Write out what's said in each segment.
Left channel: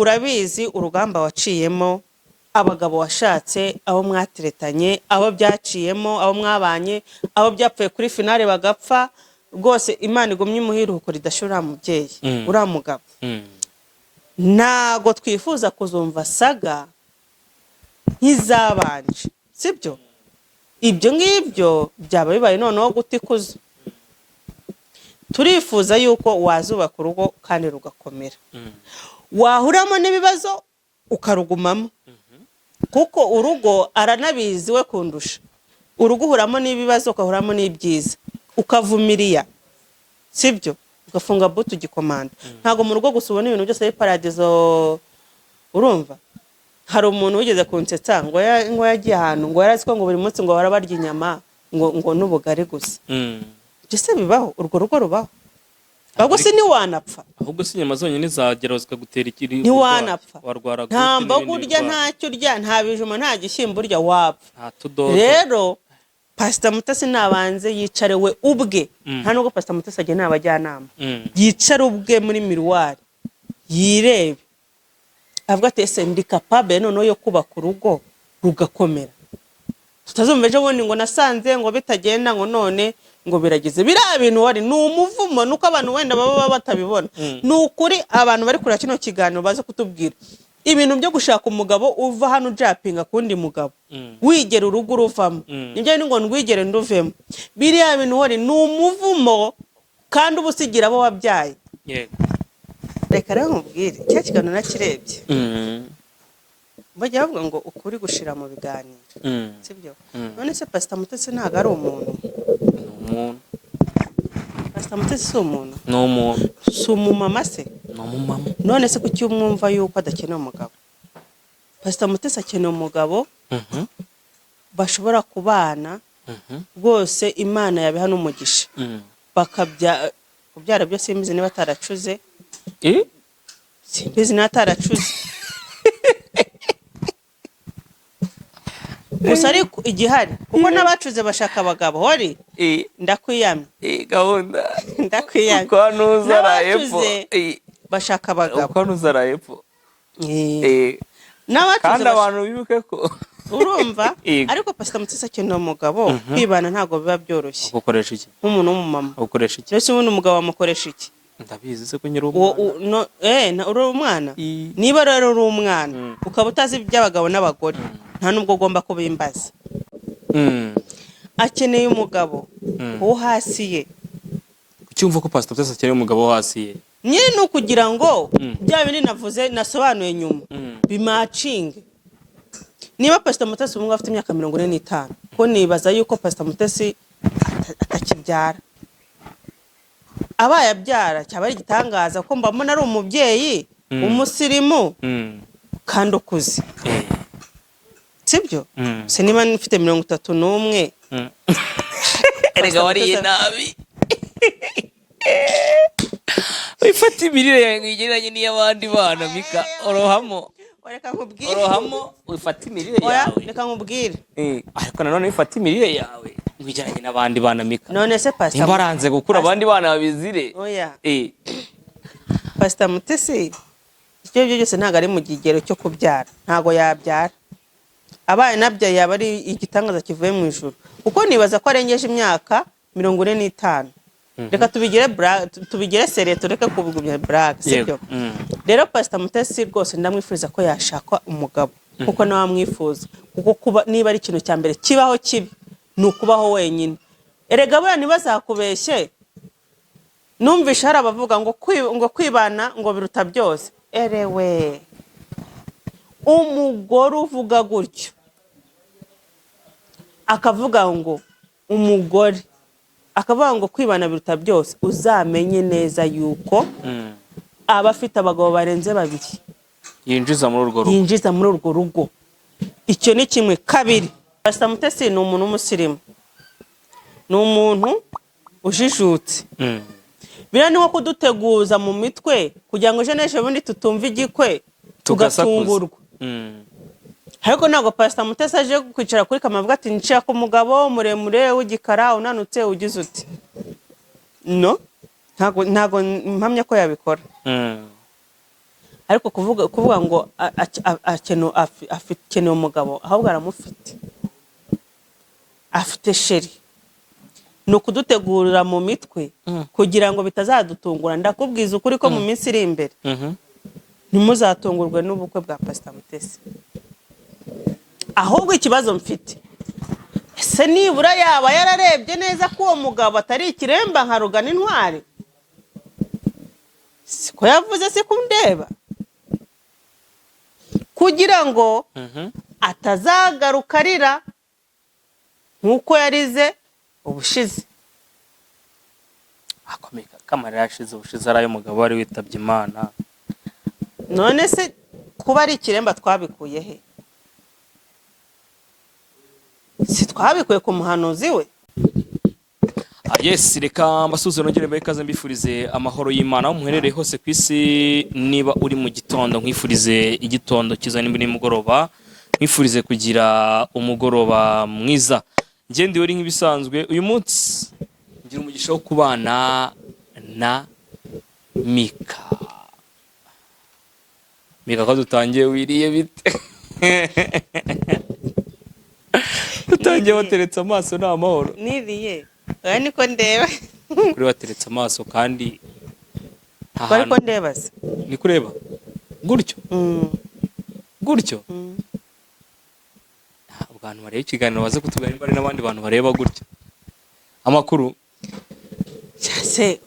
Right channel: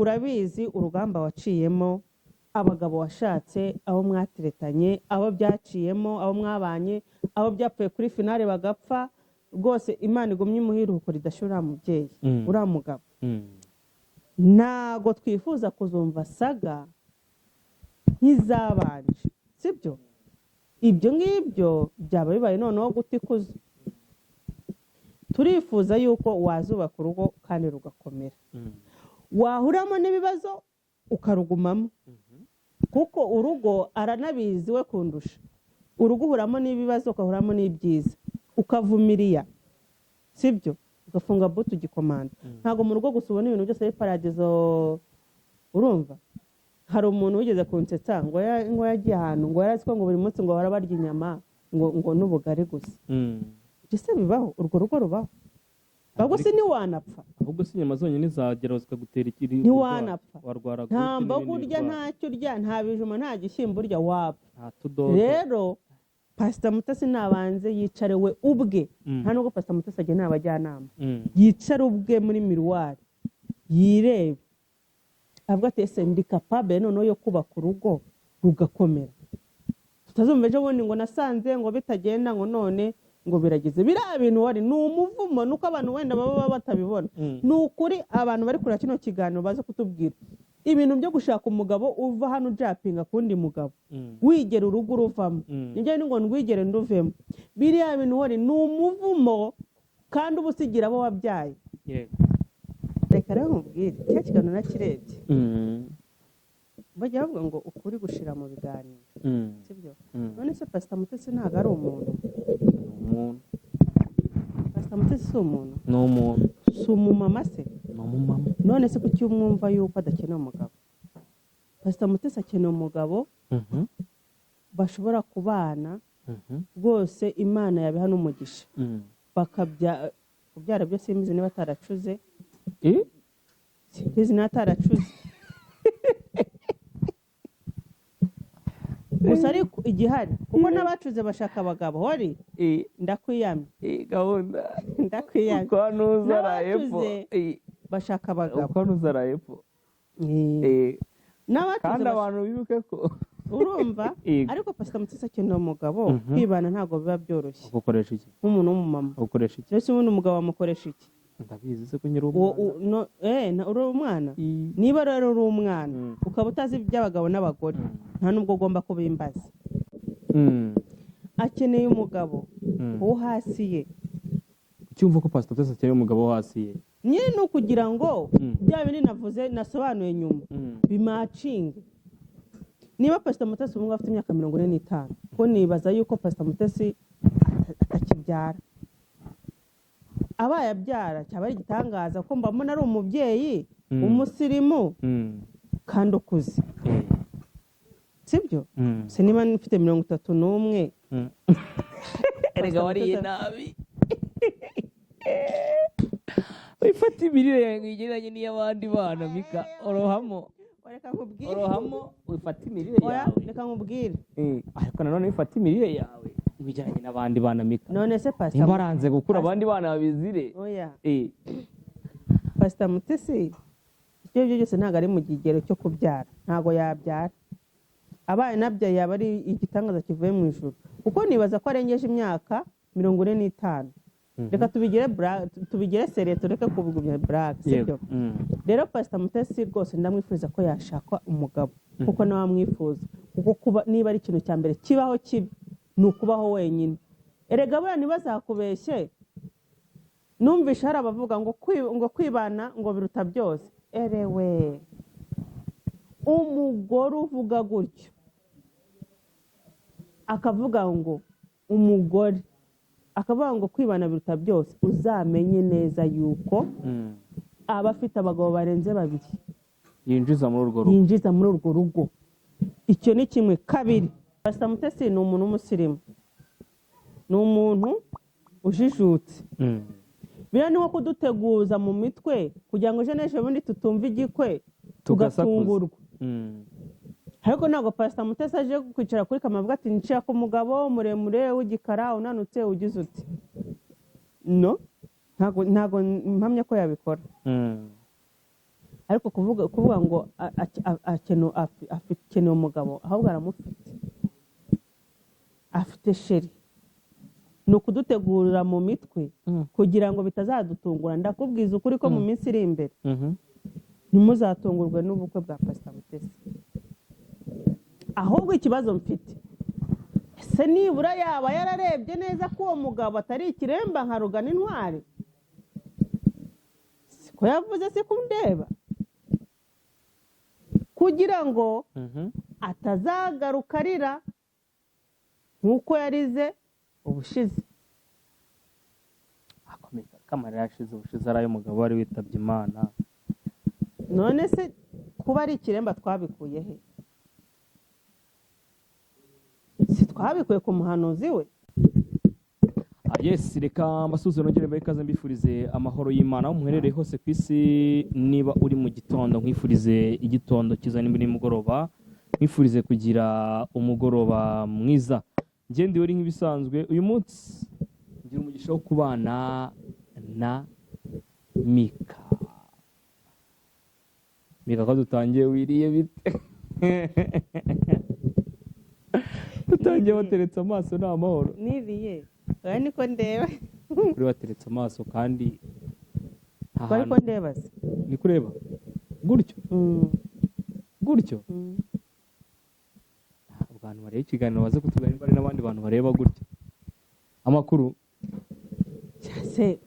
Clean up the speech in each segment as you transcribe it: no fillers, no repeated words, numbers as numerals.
urabizi urugamba waciyemo, abagabo washatse, abo mwatiretanye, abo byaciyemo, abo mwabanye, abo byapfuye kuri finale bagapfa, rwose Imana igumye imuhiruko ridashira mubyeyi uriya mugabo. Ntago twifuza kuzumva saga nk'izabanje, sibyo? Ibyo ngibyo byaba bibaye noneho gutikuza. Turifuza yuko wazubaka urugo kandi rugakomera, wahuramo n'ibibazo ukarugumamo, kuko urugo aranabizi we kundusha. Urugo uhuramo n'ibibazo ukahuramo n'ibyiza ukavumiriya, sibyo? Ugafunga butu gikomanda. Ntago mu rugo gusa ubona ibintu byose ari paradizo. Urumva hari umuntu wigeze kunsetsa ngo yagiye ahantu ngo yarazi ko ngo buri munsi ngo barabarya inyama ngo n'ubugari gusa. Gise bibaho, urwo rugo rubaho. Ahubwo si ni wanapfa. Ahubwo si inyama zonyine zagera zikagutera ikiri. Ni wanapfa. Warwara gute? Nta mboga urya, ntacyo urya, nta bijuma, nta gishyimbo urya, wapfa. Nta tudodo. Rero Pastor Mutesi nabanze yicare we ubwe. Nta nubwo Pastor Mutesi agiye n'abajyanama. Yicare ubwe muri miruwari yirebe, avuga ati ese ndi capable noneho yo kubaka urugo rugakomera. Tutazumva ejo bundi ngo nasanze ngo bitagenda ngo none ngo biragize. Biriya bintu wari ni umuvumo, nuko abantu wenda baba batabibona. Ni ukuri abantu bari kuri kino kiganiro baze kutubwira ibintu byo gushaka umugabo uva hano ujapinga kundi mugabo wigera urugo uruvamo. Nibyo ni ngo ndwigere nduvemo. Biriya bintu wari ni umuvumo kandi ubusigira abo wabyaye. Yego. Reka rero nkubwire cya kiganiro nakirebye. Bajya bavuga ngo ukuri gushira mu biganiro, sibyo? None se Pastor Mutesi ntago ari umuntu? Pastor Mutesi si umuntu? Ni umuntu. Si umumama se? Ni umumama. None se kuki umwumva yuko adakeneye umugabo? Pastor Mutesi akeneye umugabo bashobora kubana rwose Imana yabiha n'umugisha kubyara byo simbizi niba ataracuze. Simbizi niba ataracuze. Gusa ariko igihari kuko n'abacuze bashaka abagabo hori ndakwiyamye gahunda ndakwiyamye ko nuzarayepo bashaka abagabo ko nuzarayepo n'abacuze kandi abantu bibuke ko urumva. Ariko Pastor Mutesi akeneye umugabo kwibana ntago biba byoroshye. ukoresha iki nk'umuntu w'umumama ukoresha iki? Ese ubundi umugabo amukoresha iki? Ndabizi se ko nyiri umwana uri umwana. Niba rero uri umwana ukaba utazi iby'abagabo n'abagore nta nubwo ugomba kubimbaza. Akeneye umugabo wo hasi ye. Ucyumva ko Pastor Mutesi akeneye umugabo wo hasi ye? Nyine no kugira ngo bya bindi navuze nasobanuye nyuma bimacinge. Niba Pastor Mutesi umwe afite imyaka 45 ko nibaza yuko Pastor Mutesi atakibyara. Abaye abyara cyaba ari igitangaza ko mbamona ari umubyeyi umusirimu kandi ukuze, sibyo? Se niba nifite 31 erega wariye nabi wifata imirire yawe igereranye n'iy'abandi bana Mika. Orohamo wifata imirire yawe. Reka nkubwire ariko nanone wifata imirire yawe wigereranye n'abandi bana Mika. None se Pastor imbaranze gukura abandi bana babizire. Oya Pastor Mutesi icyo byose ntago ari mu gigero cyo kubyara, ntago yabyara. Abaye nabyaye yaba ari igitangaza kivuye mu ijuru, kuko nibaza ko arengeje imyaka 45. Reka tubigire sere tureke kubigumya black, sibyo? Rero Pastor Mutesi rwose ndamwifuriza ko yashaka umugabo kuko nawe amwifuza, kuko kuba niba ari ikintu cya mbere kibaho kibi ni ukubaho wenyine. Erega buriya ntibazakubeshye. Numvisha hari abavuga ngo kwibana ngo biruta byose. Erewe umugore uvuga gutyo akavuga ngo umugore akavuga ngo kwibana biruta byose, uzamenye neza yuko aba afite abagabo barenze 2 yinjiza muri urwo rugo. Icyo ni kimwe. Kabiri, Pastor Mutesi ni umuntu w'umusirimu, ni umuntu ujijutse. Bira ni nko kuduteguza mu mitwe kugira ngo jeneshe bundi tutumva igikwe tugatungurwa. Ariko ntago Pastor Mutesi aje kwicara kuri kamera avuga ati nshaka umugabo muremure w'igikara unanutse ugize uti no, ntago mpamya ko yabikora. ariko kuvuga ngo akeneye umugabo ahubwo aramufite, afite sheri. Ni ukudutegurira mu mitwe kugira ngo bitazadutungura. Ndakubwiza ukuri ko mu minsi iri imbere ntimuzatungurwe n'ubukwe bwa Pastor Mutesi. Ahubwo ikibazo mfite, ese nibura yaba yararebye neza ko uwo mugabo atari ikiremba nka Rugana Intwari? Siko yavuze, si kundeba, kugira ngo atazagaruka arira nk'uko yarize ubushize. akomeka kamara yashize ubushize ari ay'umugabo wari witabye Imana. None se kuba ari ikiremba twabikuye he? Si twabikuye ku muhanuzi we? Yes, reka mbasuze nongere mbaye ikaze mbifurize amahoro y'Imana aho muherereye hose ku isi. Niba uri mu gitondo nkwifurize igitondo cyiza, nimba ni mugoroba nkwifurize kugira umugoroba mwiza. Nge ndi uri nk'ibisanzwe uyu munsi ngira umugisha wo kubana na Mika. Mika, ko dutangiye wiriye bite? Dutangiye wateretse amaso ni amahoro. Niriye oya niko ndeba. Kuri wateretse amaso kandi Bari ko ndeba se? Ni kureba gutyo gutyo. Abantu bareba ikiganiro baze kutubwira niba ari n'abandi bantu bareba gutyo amakuru cyase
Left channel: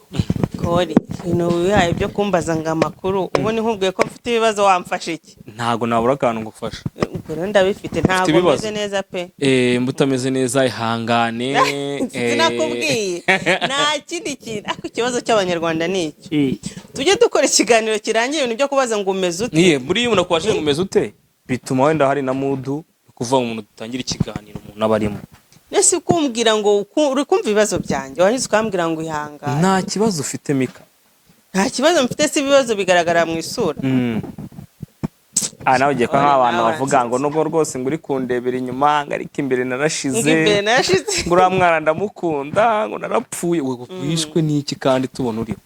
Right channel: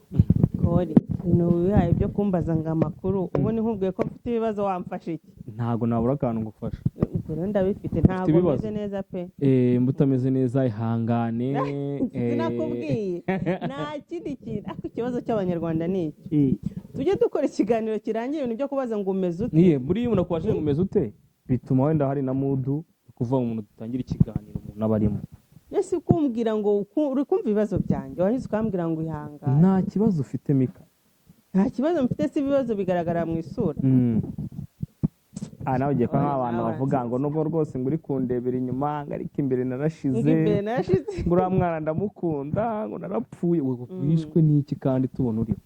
kori ibintu wihaye byo kumbaza ngo amakuru. Ubu ni nkubwiye ko mfite ibibazo, wamfasha iki? ntago nabura akantu ngufasha. Ubwo ndabifite, ntabwo meze neza pe. Mbutameze neza, ihangane. Sinakubwiye nta kindi kintu. Ako ikibazo cy'abanyarwanda ni iki? Tujye dukora ikiganiro kirangiye ibintu byo kubaza ngo umeze ute. Buriya umuntu akwashije ngo umeze ute bituma wenda hari na mudu kuva mu muntu dutangira ikiganiro umuntu abarimo. Nese kumbwira ngo uri kumva ibibazo byanjye, wahise ukambwira ngo ihangane. Nta kibazo ufite Mika? Nta kibazo mfite, si ibibazo bigaragara mu isura. Nawe ugiye ko nk'abantu bavuga ngo nubwo rwose ngo uri kundebera inyuma ariko imbere narashize, ngo uriya mwana ndamukunda, ngo narapfuye. Wishwe n'iki kandi tubona uriho?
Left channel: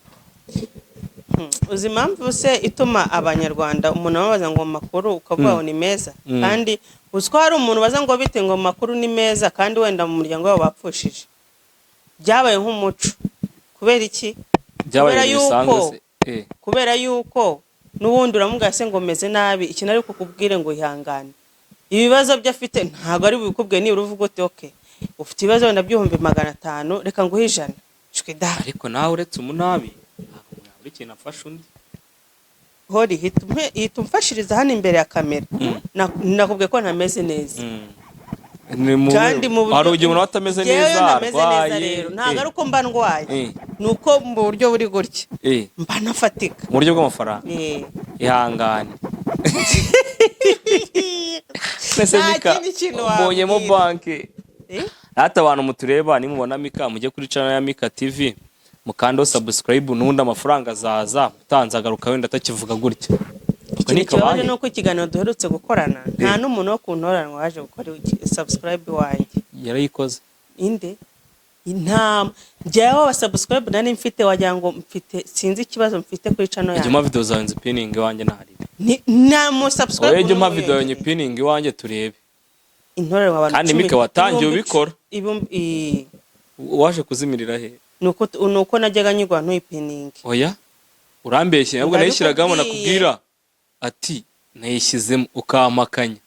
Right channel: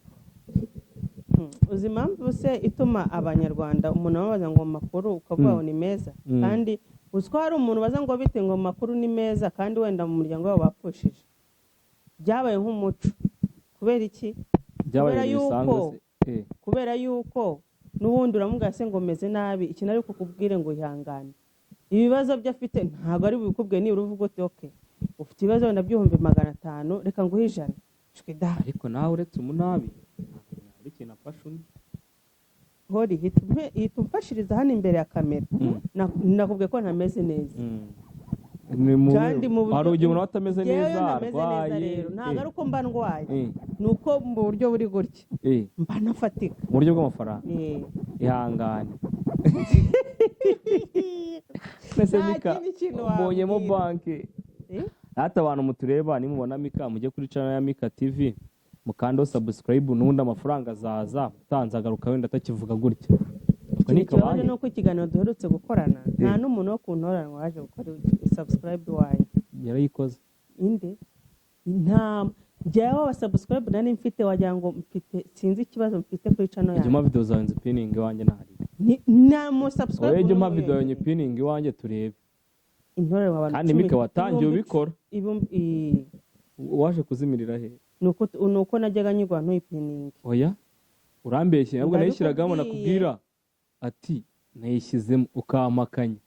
Uzi impamvu se ituma abanyarwanda umuntu ababaza ngo amakuru ukavuga ngo ni meza, kandi uzi ko hari umuntu baza ngo bite ngo amakuru ni meza kandi wenda mu muryango wabo bapfushije? Byabaye nk'umuco. Kubera iki? Kubera yuko n'ubundi uramubwira se ngo meze nabi, ikintu ari kukubwire ngo ihangane. Ibibazo byo afite ntabwo ari bikubwiye, niba uvuga uti okay ufite ibibazo wenda by'ibihumbi 500 reka nguhe 100. Ariko nawe uretse umunabi ntabwo ikintu afasha undi. Hori hita umfashiriza hano imbere ya kamera. Nakubwiye ko ntameze neza. Kandi mu buryo umuntu atameze neza arwaye, ntabwo ari uko mba ndwaye, nuko mu buryo buri gutya mba nafatika mu buryo bw'amafaranga. Ihangane. Nese Mika mbonyemo banki. Hata abantu mutureba nimubona Mika mujye kuri channel ya Mika TV mukando subscribe, nundi amafaranga azaza utanze agaruka wenda atakivuga gutya. Ikibazo ni uko ikiganiro duherutse gukorana nta n'umuntu wo kuntoranwa waje gukora subscribe wanjye. Yarayikoze inde? Intama njyewe wa subscribe nani mfite, wagira ngo mfite, sinzi ikibazo mfite kuri channel yanjye. Juma video zanze pinning wanjye ntari nta mu subscribe. Oye Juma video yanjye pinning wanjye turebe. Intorerwa abantu kandi Mika watangiye ubikora waje kuzimirira he? Nuko najyaga nyigwa ntuyipinning. Oya urambeshye, nabwo nayishyiragamo nakubwira ati nayishyizemo ukamakanya.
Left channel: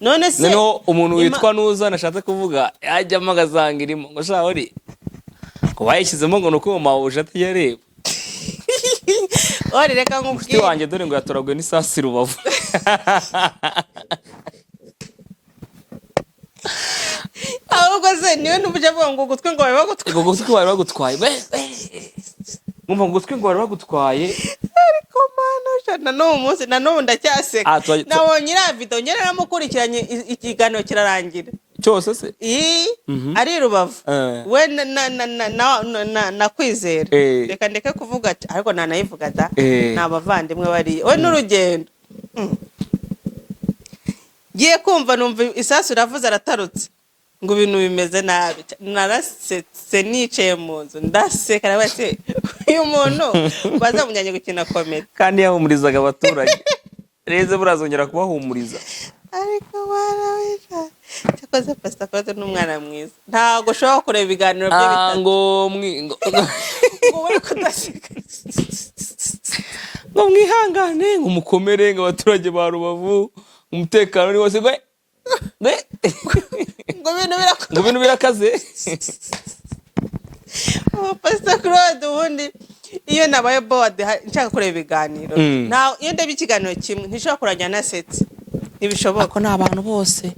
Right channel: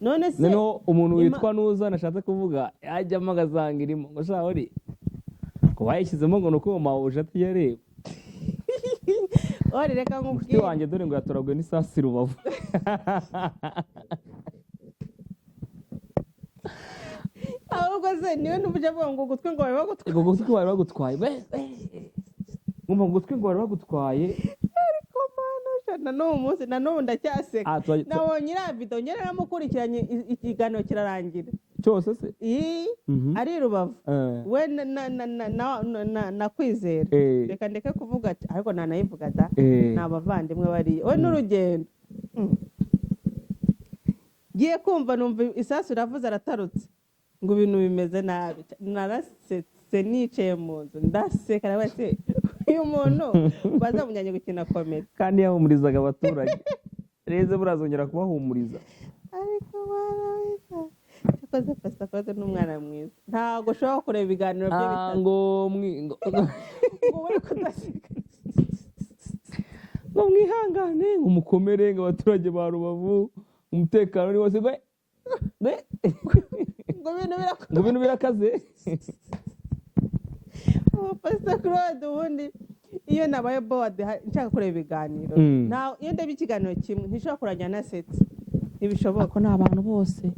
None se noneho umuntu witwa Nuza nashatse kuvuga yajyamo agazanga irimo ngo sha uri ko bayishyizemo ngo nuko mawuje atiyareba. Ori reka nkubwire wanjye dore ngo yatoragwe n'isasi Rubavu. ahubwo se niwe n'ubuje avuga ngo gutwe ngo bari bagutwaye ngumva ngo gutwe ngo bari bagutwaye. Ariko mana na n'ubu munsi na n'ubu ndacyaseka. Nabonye iriya video njye naramukurikiranye ikiganiro kirarangira cyose se ari Rubavu we na Kwizera. Reka ndeke kuvuga ati ariko nanayivuga da n'abavandimwe bari we n'urugendo. Giye kumva numva isasu ravuze aratarutse ngo ibintu bimeze nabi. Narasetse nicaye mu nzu ndaseka nawe se uyu muntu bazamujyanye gukina komedi kandi yahumurizaga abaturage reze burazongera kubahumuriza ariko barawisha cyakoze Pastor Claude n'umwana mwiza ntago ushobora kureba ibiganiro bye bitatu ngo uri kudaseka ngo mwihangane ngo mukomere ngo abaturage ba Rubavu umutekano ni wose ngo ibintu birakaze Pastor Claude ubundi iyo nabaye board nshaka kureba ibiganiro nta iyo ndeba ikiganiro kimwe ntishobora kurajya nasetse ntibishoboka ko n'abantu bose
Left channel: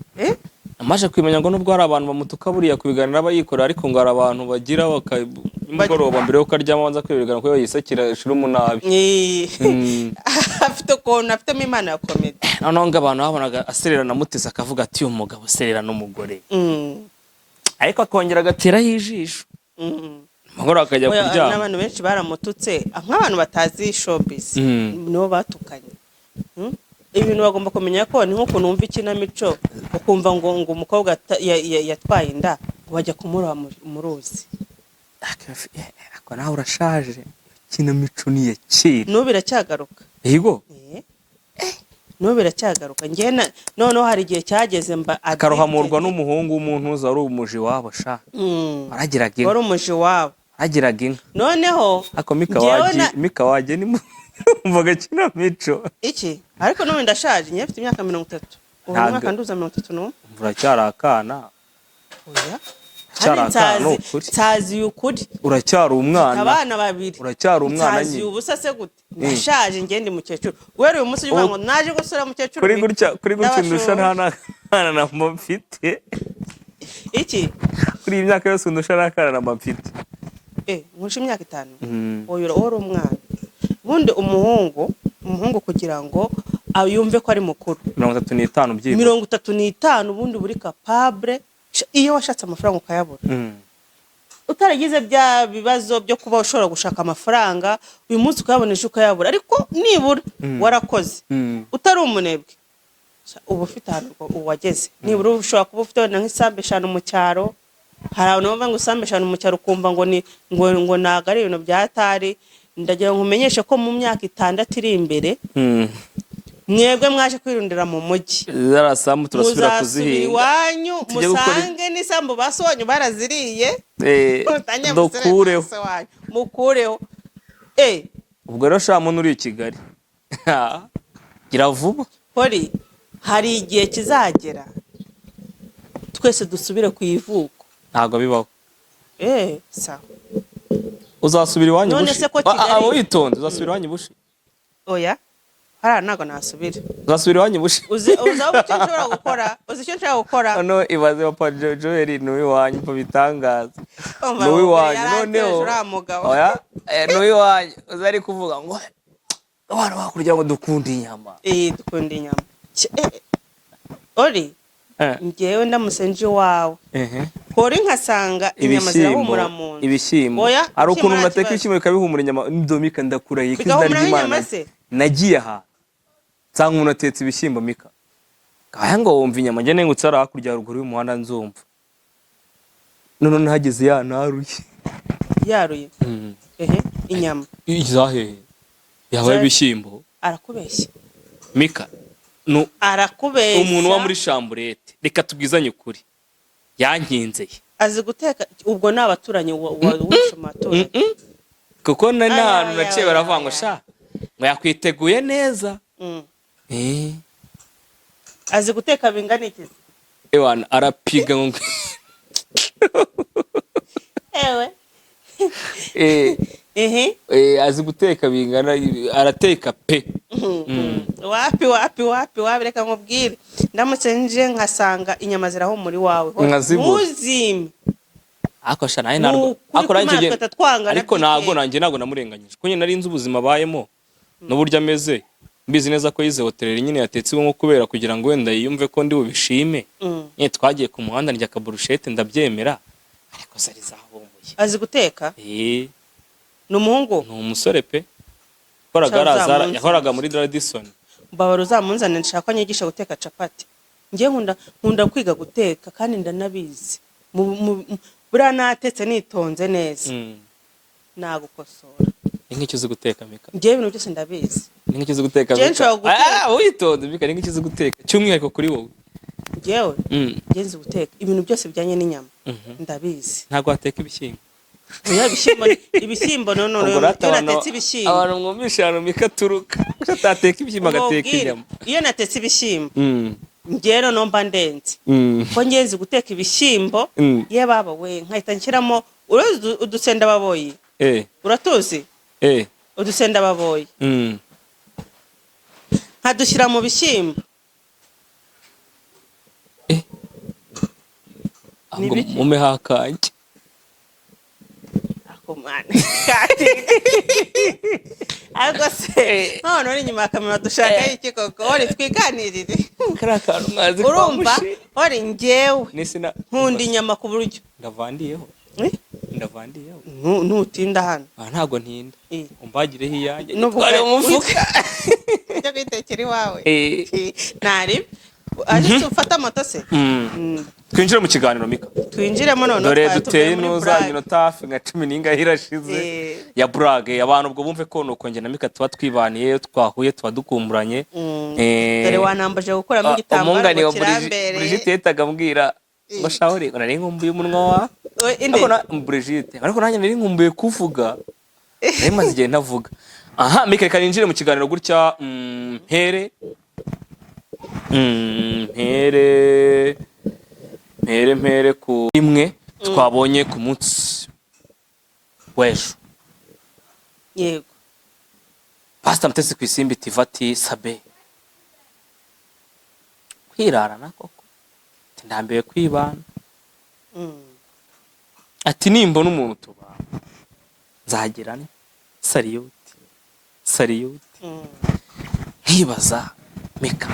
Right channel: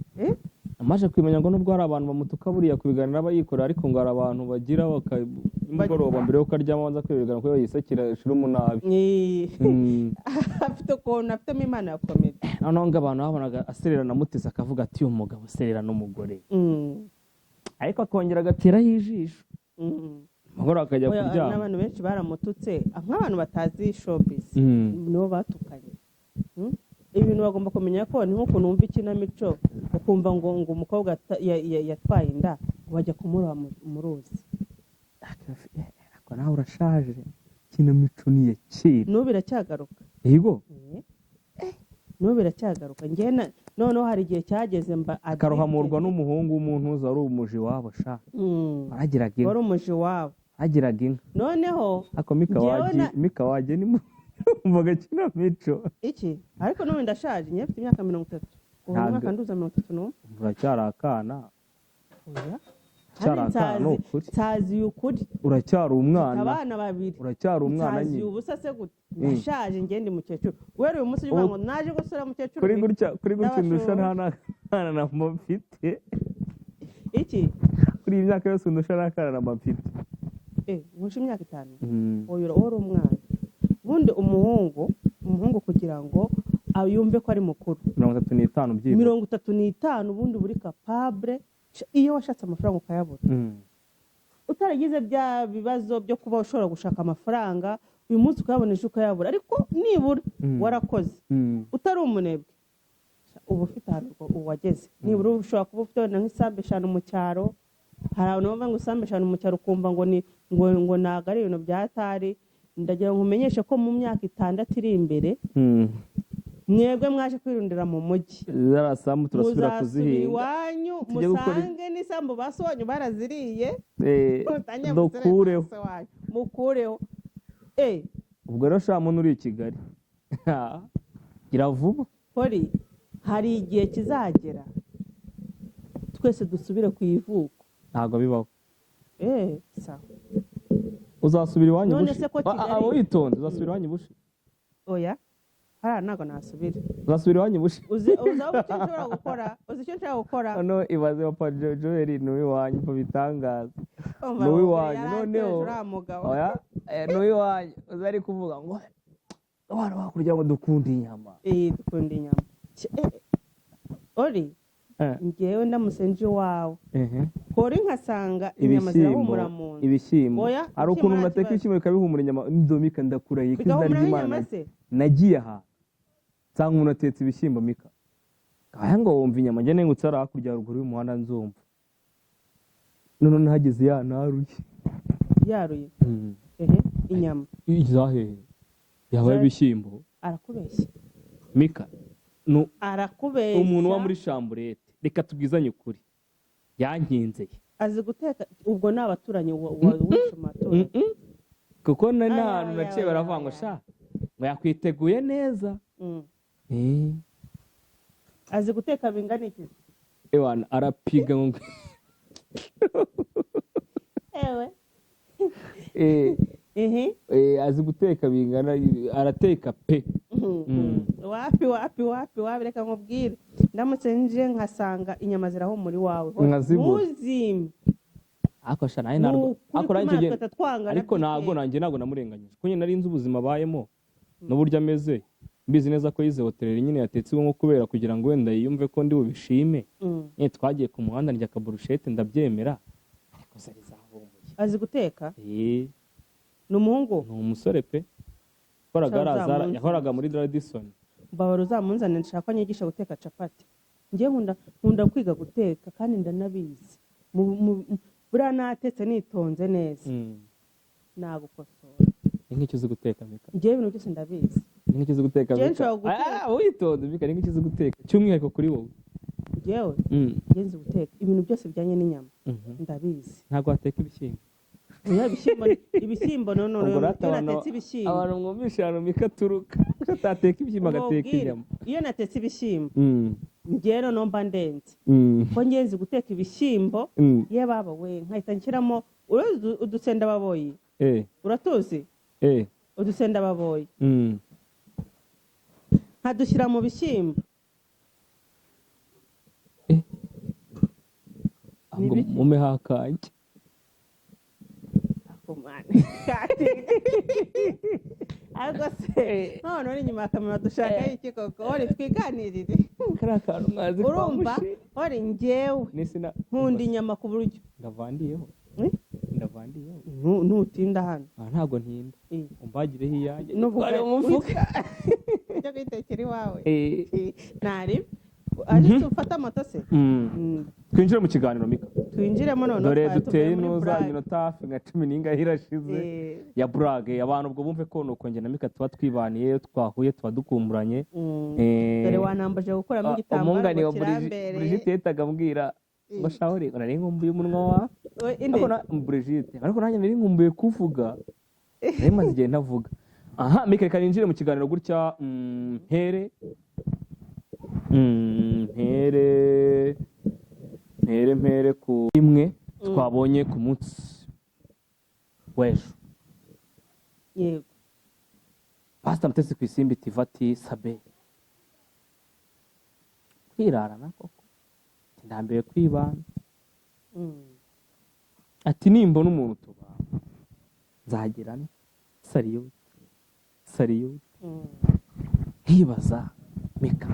amaje kwimenya ngo nubwo hari abantu bamutuka buriya kubiganira abayikora ariko ngo hari abantu bagira bakagoroba mbere yo karyama banza kwibigana ko yisekira shira umunabi afite ukuntu afitemo impano ya comedy noneho ngo abantu babonaga aserera na Mutesi akavuga ati uyu mugabo aserera n'umugore ariko akongera agateraho ijisho amagoro akajya kuryama n'abantu benshi baramututse nk'abantu batazi showbiz nibo batukanye ibintu bagomba kumenya ko ni nko kunumva ikinamico ukumva ngo umukobwa yatwaye inda bajya kumuroha mu ruzi ako nawe urashaje ikinamico ni ya kera n'ubu biracyagaruka yego n'ubu biracyagaruka njye noneho hari igihe cyageze akarohamurwa n'umuhungu w'umuntu uza ari umuji wabo sha aragiraga inka wari umuji wabo agiraga inka noneho ako mika waje ni mvuga kinamico iki ariko n'ubu ndashaje njye mfite imyaka 30 ubu mwaka nduza 31 uracyari akana oya cyari tazi ukuri uracyari umwana abana babiri uracyari umwana nyine tazi ubusa se gute ndashaje ngende mukecuru wera uyu munsi uvuga ngo naje gusura mukecuru kuri gutya ndusha nta na mfite iki kuri imyaka yose ndusha nakana na mfite nkusha imyaka 5 oyo uri umwana bundi umuhungu kugira ngo yumve ko ari mukuru 35 byibuze 35 bundi buri capable iyo washatse amafaranga ukayabura utaragize bya bibazo byo kuba ushobora gushaka amafaranga uyu munsi ukayabonesha ukayabura ariko nibura warakoze utari umunebwe ubu ufite ahantu uwageze nibura ushobora kuba ufite nk'isambe 5 mu cyaro hari abantu bava ngo isambe 5 mu cyaro ukumva ngo naga ari ibintu byatari ndagira ngo umenyeshe ko mu myaka 6 iri imbere mwebwe mwaje kwirundira mu mujyi zarasamu turasubira kuzihinga iwanyu musange n'isambu basonye baraziriye dokureho mukureho ubwo rero sha muntu uri i Kigali gira vuba poli hari igihe kizagera twese dusubire ku ivuko ntago bibaho sawa uzasubira iwanyu bushi abo witonde uzasubira iwanyu bushi oya hara nago nasubira uzasubira iwanyu bushi uzaho icyo nshobora gukora uzi icyo nshobora gukora no ibaze papa Joel ni wiwanyu po bitangaza ni wiwanyu noneho oya ni wiwanyu uzari kuvuga ngo abantu bakurya ngo dukunda inyama dukunda inyama ori ngewe ndamusenje wawe kori nkasanga inyama zirahumura mu nzu ibishyimbo ari ukuntu nateka ibishyimbo bikabihumura inyama ndomika ndakurahiye kizina ry'Imana nagiye aha nsanga umuntu atetse ibishyimbo mika kaya ngo wumva inyama njye nengutse ari hakurya haruguru y'umuhanda nzumva none nahageze yaruye inyama izahe yabaye ibishyimbo arakubeshya mika arakubeshya umuntu wa muri chamburete reka tubwizanye ukuri yankinzeye azi guteka ubwo n'abaturanyi w'ishomatura kuko n'ahantu naciye baravuga ngo sha ngo yakwiteguye neza azi guteka bingana iki ewana arapiga ngo azi guteka bingana arateka pe wapi reka nkubwire ndamutse nje nkasanga inyama zirahumura iwawe ntuzime ako sha naye ariko ntabwo namurenganyije ko nyine nari nzi ubuzima abayemo n'uburyo ameze mbizi neza ko yize hotel nyine yatetse nko kubera kugira ngo wenda yiyumve ko ndi bubishime nyine twagiye ku muhanda ndya kaburushete ndabyemera ariko zari zahumbuye azi guteka ni umuhungu ni umusore pe yahoraga muri Radisson mbabara uzamunzanira nshaka nyigisha guteka capati njye nkunda kwiga guteka kandi ndanabizi buriya natetse nitonze neza nagukosora. Ni nk'icyo uzi guteka Mika? Njye ibintu byose ndabizi. Ni nk'icyo uzi guteka Mika? Witonze Mika, ni nk'icyo uzi guteka cy'umwihariko kuri wowe? Njyewe njye nzi guteka ibintu byose bijyanye n'inyama ndabizi. Ntabwo wateka ibishyimbo? Ibishyimbo no natetse ibishyimbo abantu mwumvisha hano Mika turuka atateka ibishyimbo agateka inyama. Iyo natetse ibishyimbo njyewe no mba ndenze ko njye nzi guteka ibishyimbo ye baba we nkahita nshyiramo udusenda baboyi. Uratuzi udusenda baboyi nkadushyira mu bishyimbo mume hakanje ariko se none uri inyuma akamera dushaka iki koko uri twiganirire karakantu mwazi urumva uri njyewe nkunda inyama ku buryo ndavandiyeho ntutinda hano ntabwo ntinda umbagireho iyanjye twari umufuka ujya kwitekera iwawe ntari ariko ufata moto se. Twinjire mu kiganiro Mika. Twinjiremo none dore duteye nuza minota hafi nka 10 n'ingahe irashize ya brage abantu ubwo bumve ko nuko nge na Mika tuba twibaniye twahuye tuba dukumburanye. Dore wanambaje gukoramo igitambaro kirambere. Brigitte yetaga mbwira ngo shawuri nari nkumbuye umunwa wa ariko na Brigitte ariko nanjye nari nkumbuye kuvuga nari maze igihe ntavuga. Aha Mika reka ninjire mu kiganiro gutya mpere ku imwe twabonye ku munsi w'ejo. Yego. Pastor Mutesi ku Isimbi TV ati Sabe kwirarana koko ndambiwe kwibana ati nimbona umuntu tubana nzagirane sariyuti nkibaza Mika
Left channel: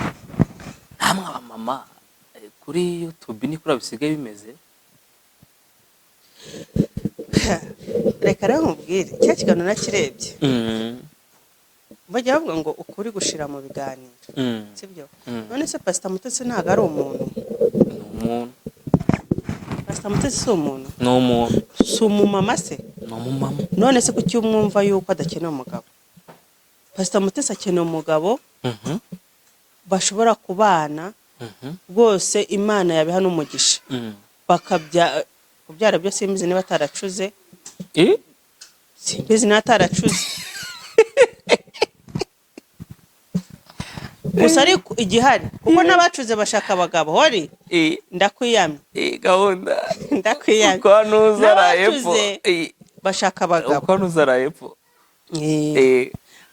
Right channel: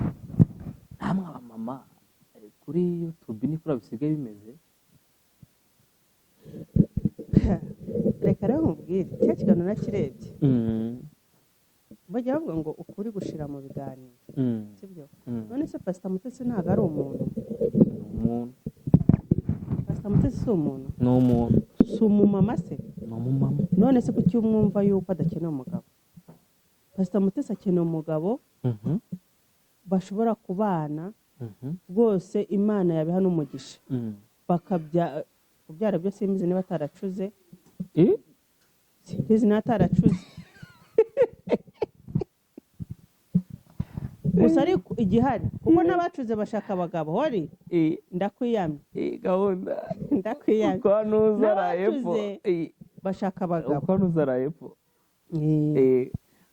namwe abamama kuri YouTube ni kuri bisigaye bimeze. Reka rero nkubwire cya kiganiro nakirebye bajya bavuga ngo ukuri gushira mu biganiro sibyo. None se Pastor Mutesi ntago ari umuntu? Pastor Mutesi si umuntu? Ni umuntu. Si umumama se? Ni umumama. None se kuki umwumva yuko adakeneye umugabo? Pastor Mutesi akeneye umugabo bashobora kubana rwose Imana yabiha n'umugisha kubyara byo simbizi niba ataracuze simbizi niba ataracuze gusa ariko igihari kuko n'abacuze bashaka abagabo hori ndakwiyamye gahunda ndakwiyamye kwa nuzarayepfo bashaka abagabo kwa nuzarayepfo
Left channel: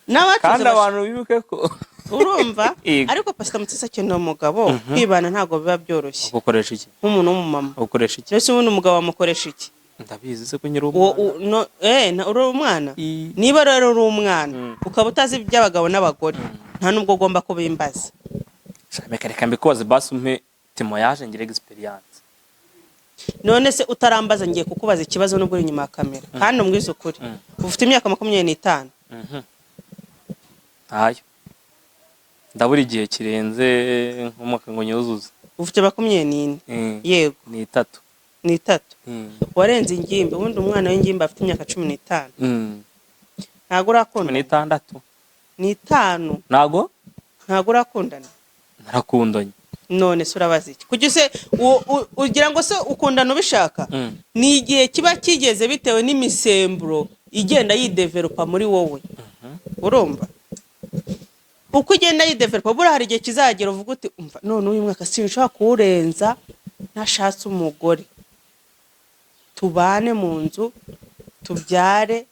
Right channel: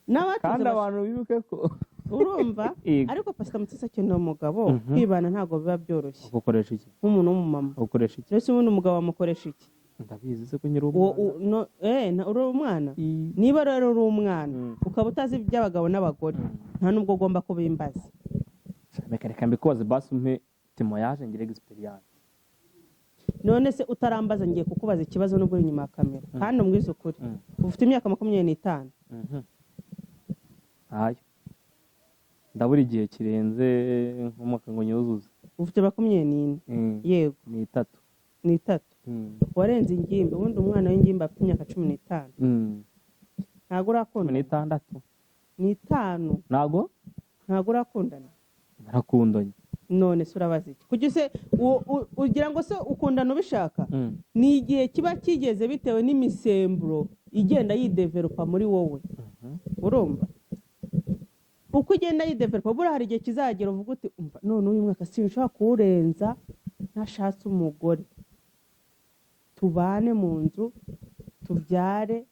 n'abacuze kandi abantu bibuke ko urumva ariko Pastor Mutesi akeneye umugabo kwibana ntago biba byoroshye. Ukoresha iki nk'umuntu w'umumama? Ukoresha iki? Ese ubundi umugabo amukoresha iki? Ndabizi se ko nyiri umwana uri umwana niba rero uri umwana ukaba utazi iby'abagabo n'abagore nta nubwo ugomba kubimbaza. Reka mbikoze basi umpe témoignage ngire experience. None se utarambaza ngiye kukubaza ikibazo nubwo uri inyuma ya kamera kandi umbwiza ukuri ufite imyaka 25. Ayo ndabura igihe kirenze nk'umwaka ngo nyuzuze. Ufite 24? Yego. Ni 3. Ni 3. Warenze ingimbi ubundi umwana w'ingimbi afite imyaka 15. Ntago urakunda? 16. Ni 5. Ntago urakundana? Narakundanye. None se urabaza iki? Kuki se ugira ngo se ukundana ubishaka? Ni igihe kiba kigeze bitewe n'imisemburo igenda yidevelopa muri wowe. Urumva? Uko ugenda yidevelopa bura hari igihe kizagera uvuga uti umva none uyu mwaka sinshaka kurenza nashatse umugore tubane mu nzu tubyare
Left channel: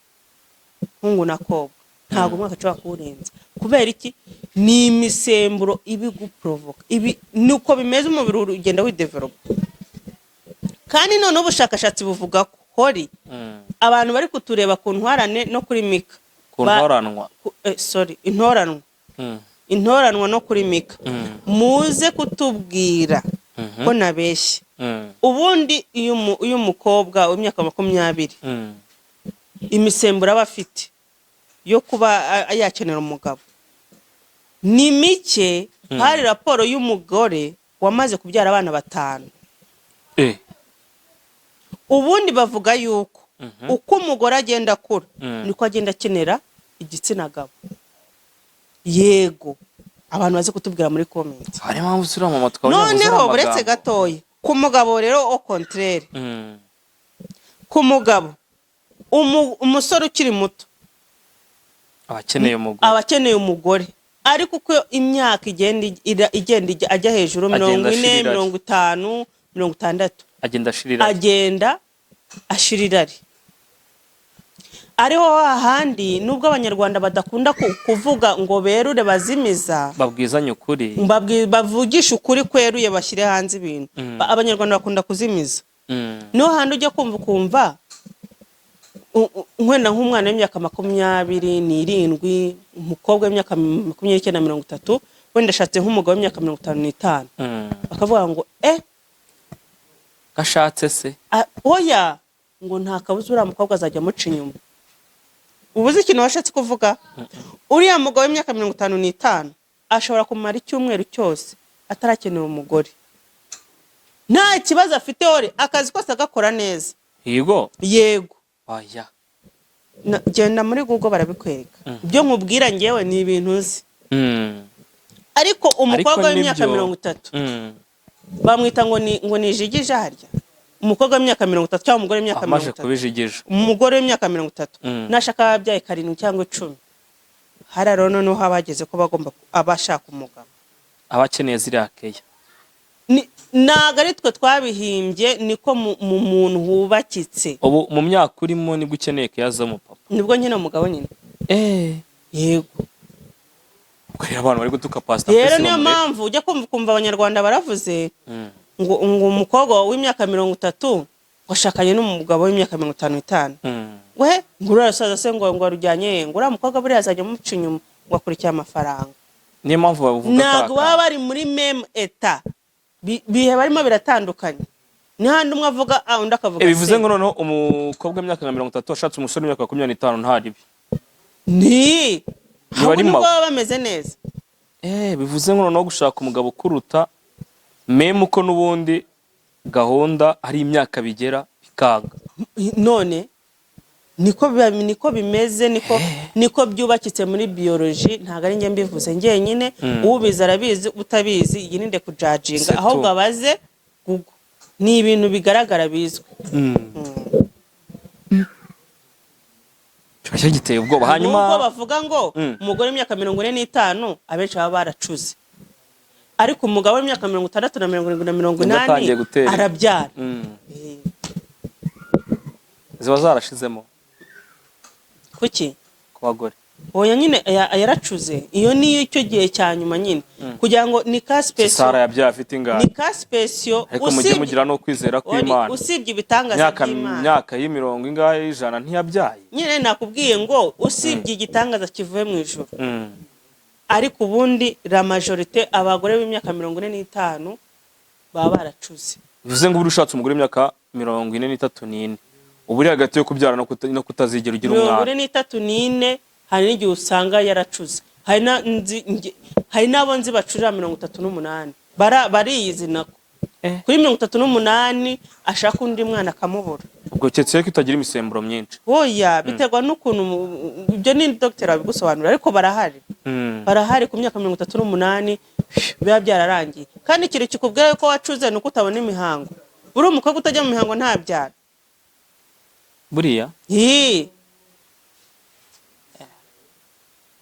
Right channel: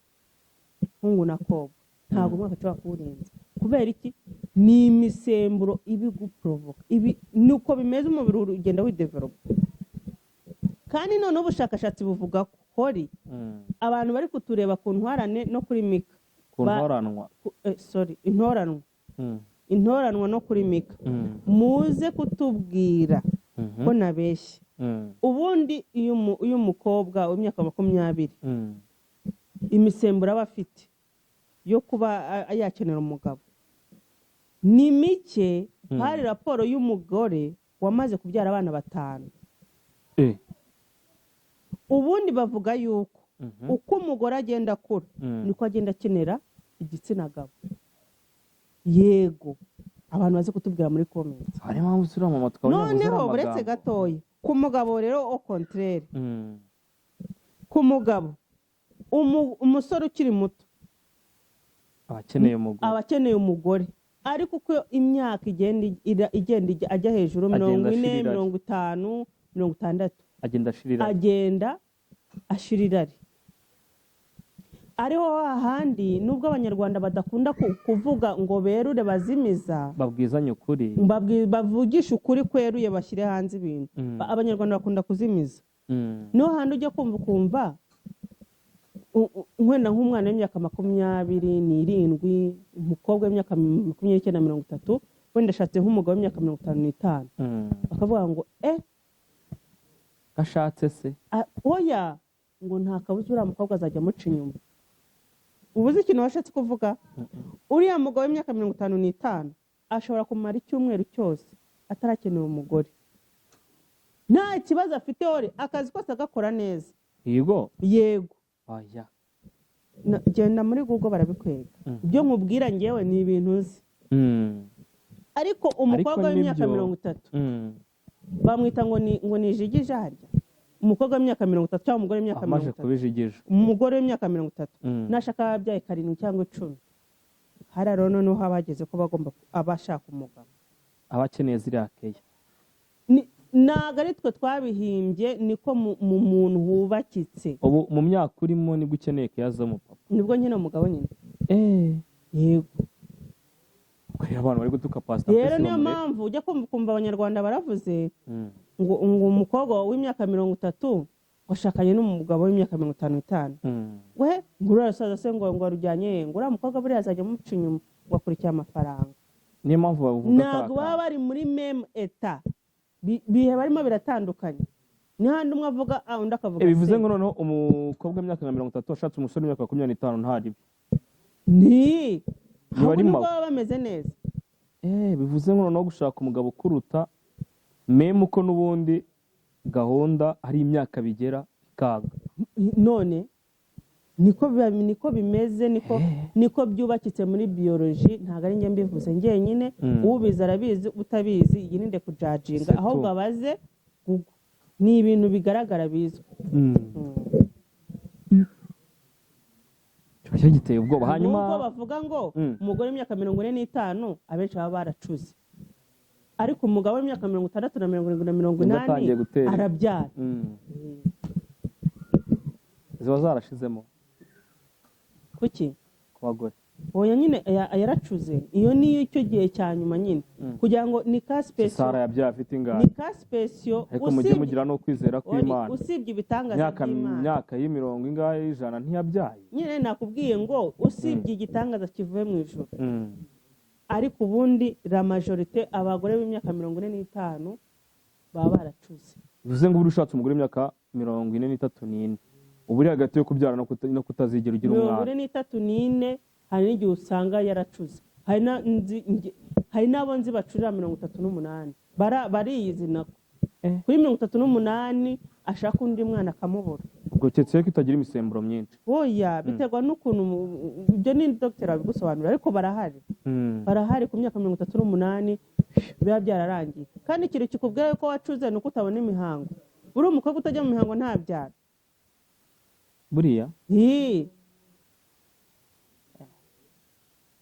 hungu na kobwa. Ntago umwaka nshaka kurenza kubera iki? Ni imisemburo ibiguprovoka nuko bimeze umubiri ugenda widevelopa. Kandi none ubushakashatsi buvuga ko hori abantu bari kutureba ku ntwarane no kuri Mika intoranwa no kuri Mika muze kutubwira ko nabeshye. Ubundi uyu mukobwa w'imyaka 20 imisemburo aba afite yo kuba yakenera umugabo ni mike. Hari raporo y'umugore wamaze kubyara abana 5. Ubundi bavuga yuko uko umugore agenda akura niko agenda akenera igitsina gabo. Yego, abantu baze kutubwira muri comment. hari mpamvu sura mama twabonye Noneho buretse gatoya ku mugabo rero au contraire. Ku mugabo umusore ukiri muto abakeneye umugore, ariko uko imyaka igenda ajya hejuru 40, 50, 60 agenda ashirirari. Ariho hahandi nubwo abanyarwanda badakunda kuvuga ngo berure bazimiza, babwizanye ukuri, bavugisha ukuri kweruye bashyire hanze ibintu. Abanyarwanda bakunda kuzimiza. No handi ujya kumva nkwenda nk'umwana w'imyaka 27, umukobwa w'imyaka 29, wenda ashatse nk'umugabo w'imyaka 55, bakavuga ngo gashatse se oya, ngo nta kabuza uriya mukobwa azajya amuca inyuma. Ubuze ikintu washatse kuvuga? Uriya mugabo w'imyaka 55 ashobora kumara icyumweru cyose atarakenera umugore, nta kibazo afite, ore akazi kose agakora neza. Yego oya, genda muri Google barabikwereka. Ibyo nkubwira ngewe ni ibintu uzi. Ariko umukobwa w'imyaka 30 bamwita ngo ni jigije harya. Umukobwa w'imyaka 30 cyangwa umugore w'imyaka 30 amaje kubijigije. Umugore w'imyaka 30 nashaka ababyaye 7 cyangwa 10, hararo noneho habageze ko bagomba abashaka umugabo, abakeneye ziriya keya. Naga ari twe twabihimbye, niko mu muntu hubakitse. Ubu mu myaka urimo nibwo ukeneye keya zo mu papa, nibwo nyine umugabo nyine. Yego, kureba abantu bari gutuka pastor. Rero niyo mpamvu ujya kumva abanyarwanda baravuze ngo umukobwa w'imyaka 30 washakanye n'umugabo w'imyaka 55. We ngurarasaza se ngo arujyanye, ngura mukobwa buri azajya muca inyuma ngo akurikiye amafaranga. Niyo mpamvu bavuga ntabwo baba bari muri meme eta, bihe barimo biratandukanye. Ni handi umwe avuga undi akavuga. Bivuze ngo noneho umukobwa w'imyaka 30 ashatse umusore w'imyaka 25 ntaribi. Nubwo baba bameze neza. Bivuze ngo noneho gushaka umugabo kuruta meme uko n'ubundi gahunda hari imyaka bigera bikanga. None niko bimeze, niko byubakitse muri biology. Ntago ari nge mbivuze ngenyine, ubiza arabizi, utabizi yirinde kujajinga, aho gabaze Google. Ni ibintu bigaragara bizwe. Cyo giteye ubwoba. Hanyuma ubwo bavuga ngo umugore w'imyaka 45 abenshi baba baracuze, ariko umugabo w'imyaka 60 na 70 na 80 arabyara. ziba zarashizemo kuki ku bagore. Oya nyine yaracuze, iyo niyo icyo gihe cya nyuma nyine kugira ngo ni ka special Sara yabyaye afite ingana, ni ka special ariko mujye mugira no kwizera kw'Imana. Usibye ibitangaza by'Imana, myaka y'imirongo ingahe ijana ntiyabyaye. Nyine nakubwiye ngo usibye igitangaza kivuye mu ijuru. Ariko ubundi la majorité abagore b'imyaka 45 baba baracuze. Bivuze ngo uri ushatse umugore w'imyaka 43 uburi hagati yo kubyara no kutazigera ugira umwana. 43 hari n'igihe usanga yaracuze. Hari n'abo nzi bacurira 38 bariyizi nako. Kuri 38 ashaka undi mwana akamubura. Ubwo cyetse ko itagira imisemburo myinshi. Oya, biterwa n'ukuntu ibyo ni doctor abigusobanura, ariko barahari. Barahari ku myaka 38 biba byararangiye. Kandi ikintu kikubwira ko wacuze nuko utabona imihango. Uri umukobwa utajya mu mihango ntabyara. Buriya?